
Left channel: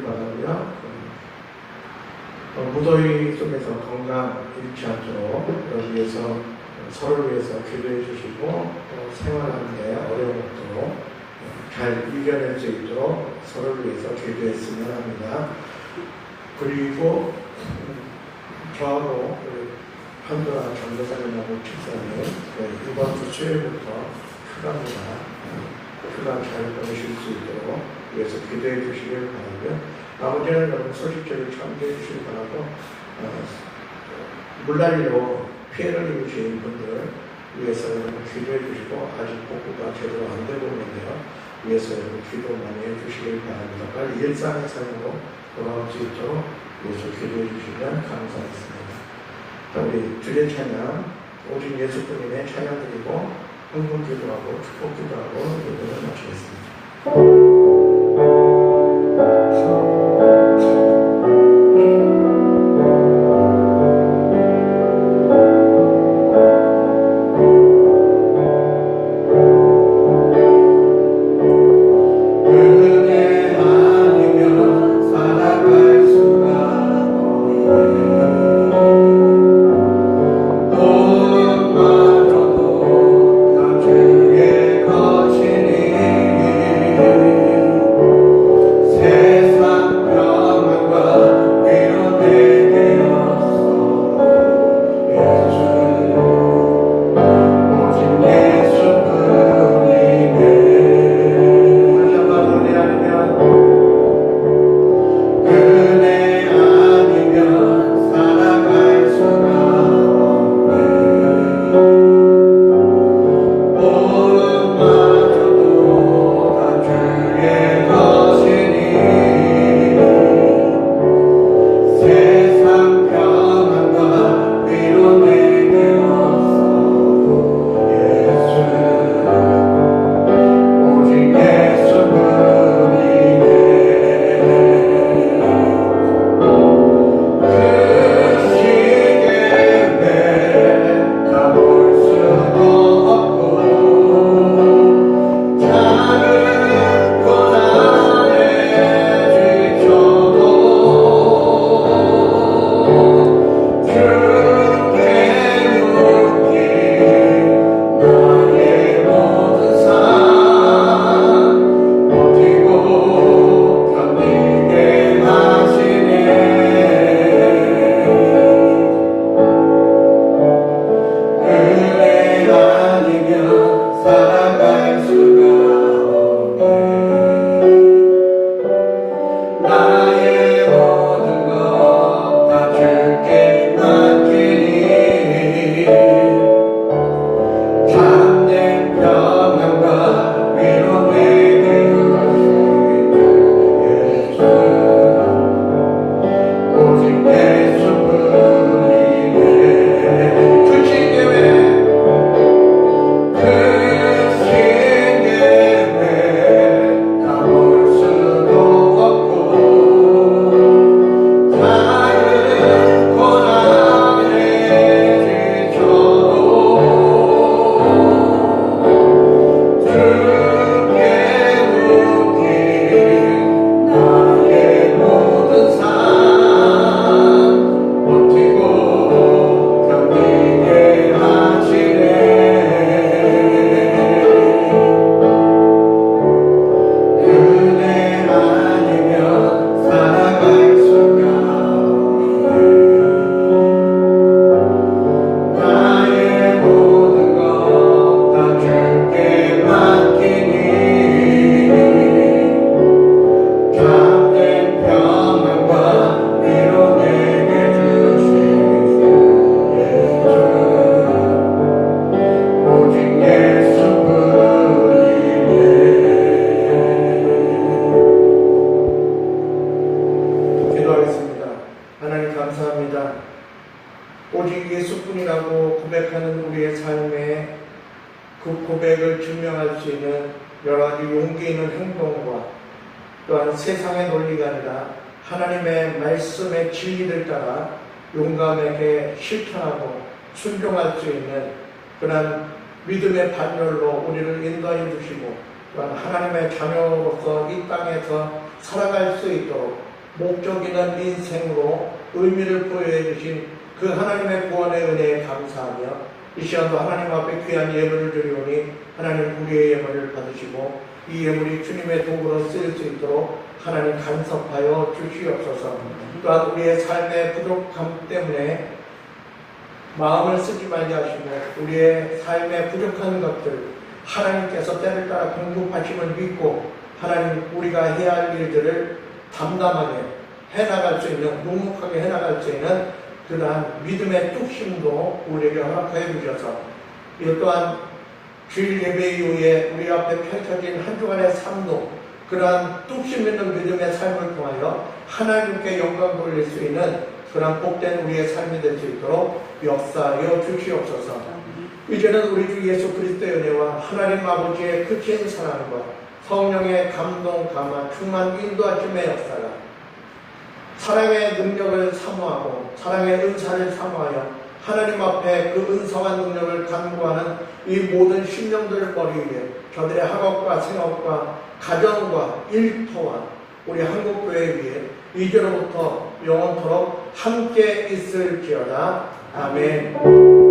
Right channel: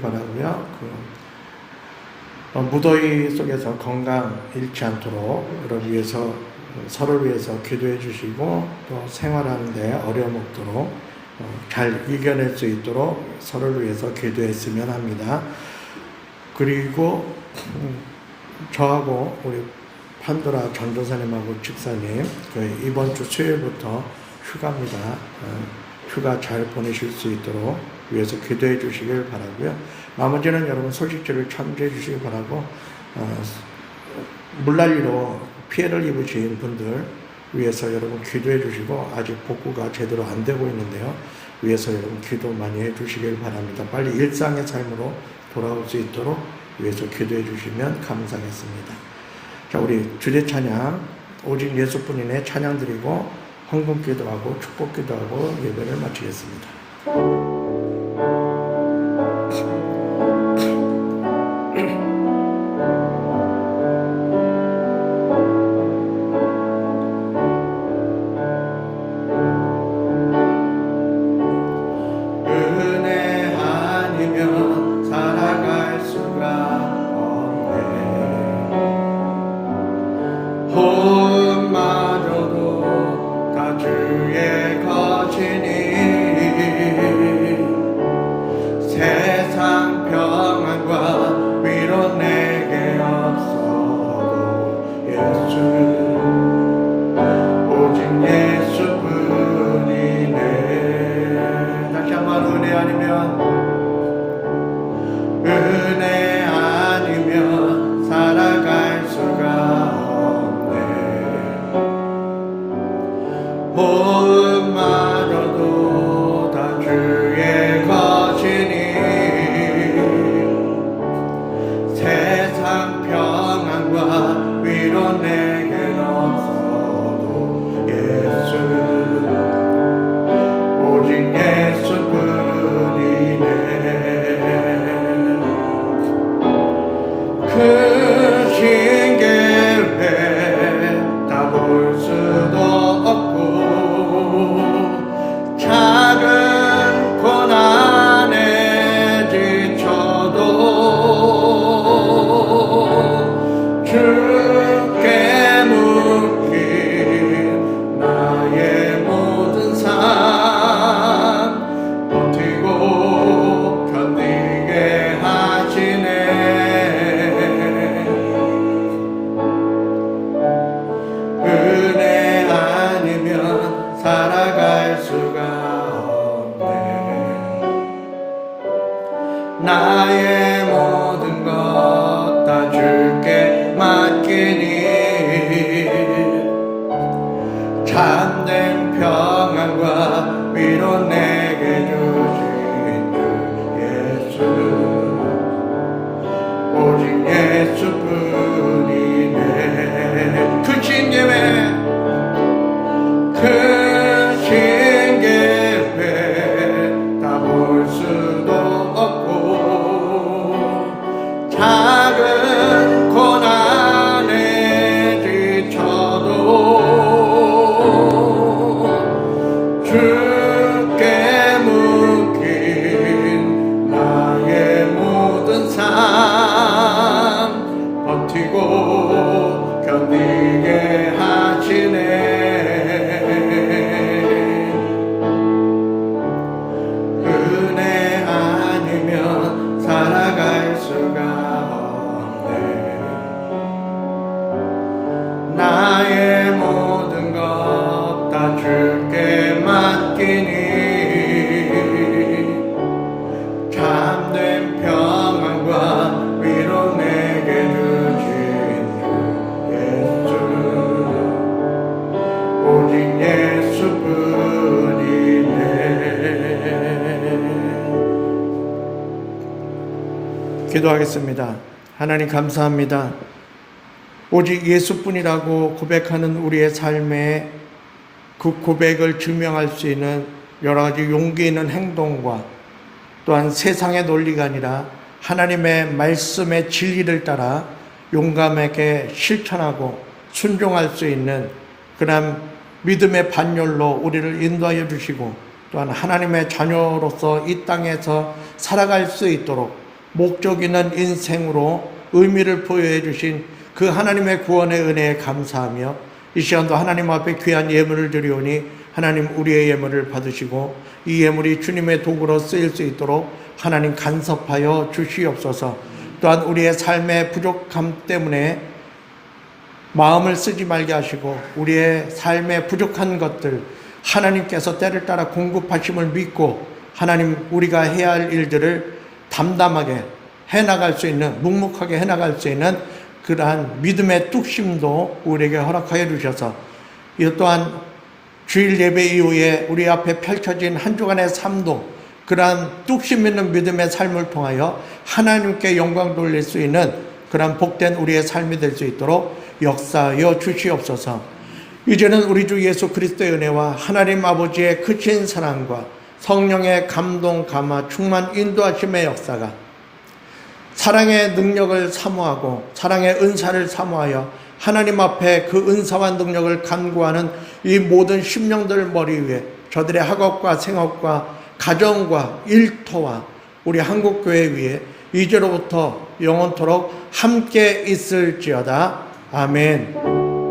주시길 바라고요. 무더위 속에서 건강 잃지 않도록 그러기 위해서 서로를 위해서 기도해 주시고 또 생활하는데 어려움 없도록 잘 이겨낼 수 있도록 서로를 위해서 기도했으면 합니다. 그리고 저하고 우리 판도라 전도사님하고 집사님 이번 주 수요일부터 휴가입니다. 휴가 잘 보내실 수 있도록 위해서 기도해 주시길 바라고요. 나머지는 여러분 소식지를 참조해 주시기 바라고 물난리로 피해를 입으신 분들 위해서 여러분 기도해 주시고 아직 복구가 제대로 안 되고 있는데요. 위해서 여러분 기도 많이 해 주시길 바랍니다. 빨리 일상의 삶으로 돌아올 수 있도록 위해서 기도해 주시면 감사하겠습니다. 자, 우리 주제 찬양 오직 예수뿐이네 찬양 드리고 헌금 기도하고 축복 기도하고 예배를 마치겠습니다. 기도하겠습니다. 하나님 감사합니다. 오직 예수뿐이라고 고백하는 우리의 삶에 그 고백을 증명할 수 있는 여러 가지 용기 있는 행동과 또한 세상의 논리가 아니라 하나님의 말씀의 진리를 따라 용감하게 실천하고 순종할 수 있는 그런 믿음의 반열로 우리를 인도하여 주시고 또한 하나님의 자녀로서 이 땅에서 살아갈 수 있도록 목적 있는 인생으로 의미를 부여해 주신 그 하나님의 구원의 은혜에 감사하며 이 시간도 하나님 앞에 귀한 예물을 드리오니 하나님 우리의 예물을 받으시고 이 예물이 주님의 도구로 쓰일 수 있도록 하나님 간섭하여 주시옵소서. 또한 우리의 삶의 부족함 때문에 마음을 쓰지 말게 하시고 우리의 삶의 부족한 것들 하나님께서 때를 따라 공급하심을 믿고 하나님 우리가 해야 할 일들을 담담하게 해나갈 수 있는, 묵묵하게 해나갈 수 있는 그러한 믿음의 뚝심도 우리에게 허락하여 주셔서 이것 또한 주일 예배 이후에 우리 앞에 펼쳐진 한 주간의 삶도 그러한 뚝심 있는 믿음의 삶을 통하여 하나님께 영광 돌릴 수 있는 그러한 복된 우리의 삶이 될 수 있도록 역사하여 주시옵소서. 이제는 우리 주 예수 그리스도의 은혜와 하나님 아버지의 크신 사랑과 성령의 감동, 감화, 충만 인도하심의 역사가 사랑의 능력을 사모하고 사랑의 은사를 사모하여 하나님 앞에 그 은사와 능력을 간구하는 이 모든 심령들 머리 위에 저들의 학업과 생업과 가정과 일터와 우리 한국교회 위에 이제로부터 영원토록 함께 있을지어다. 아멘.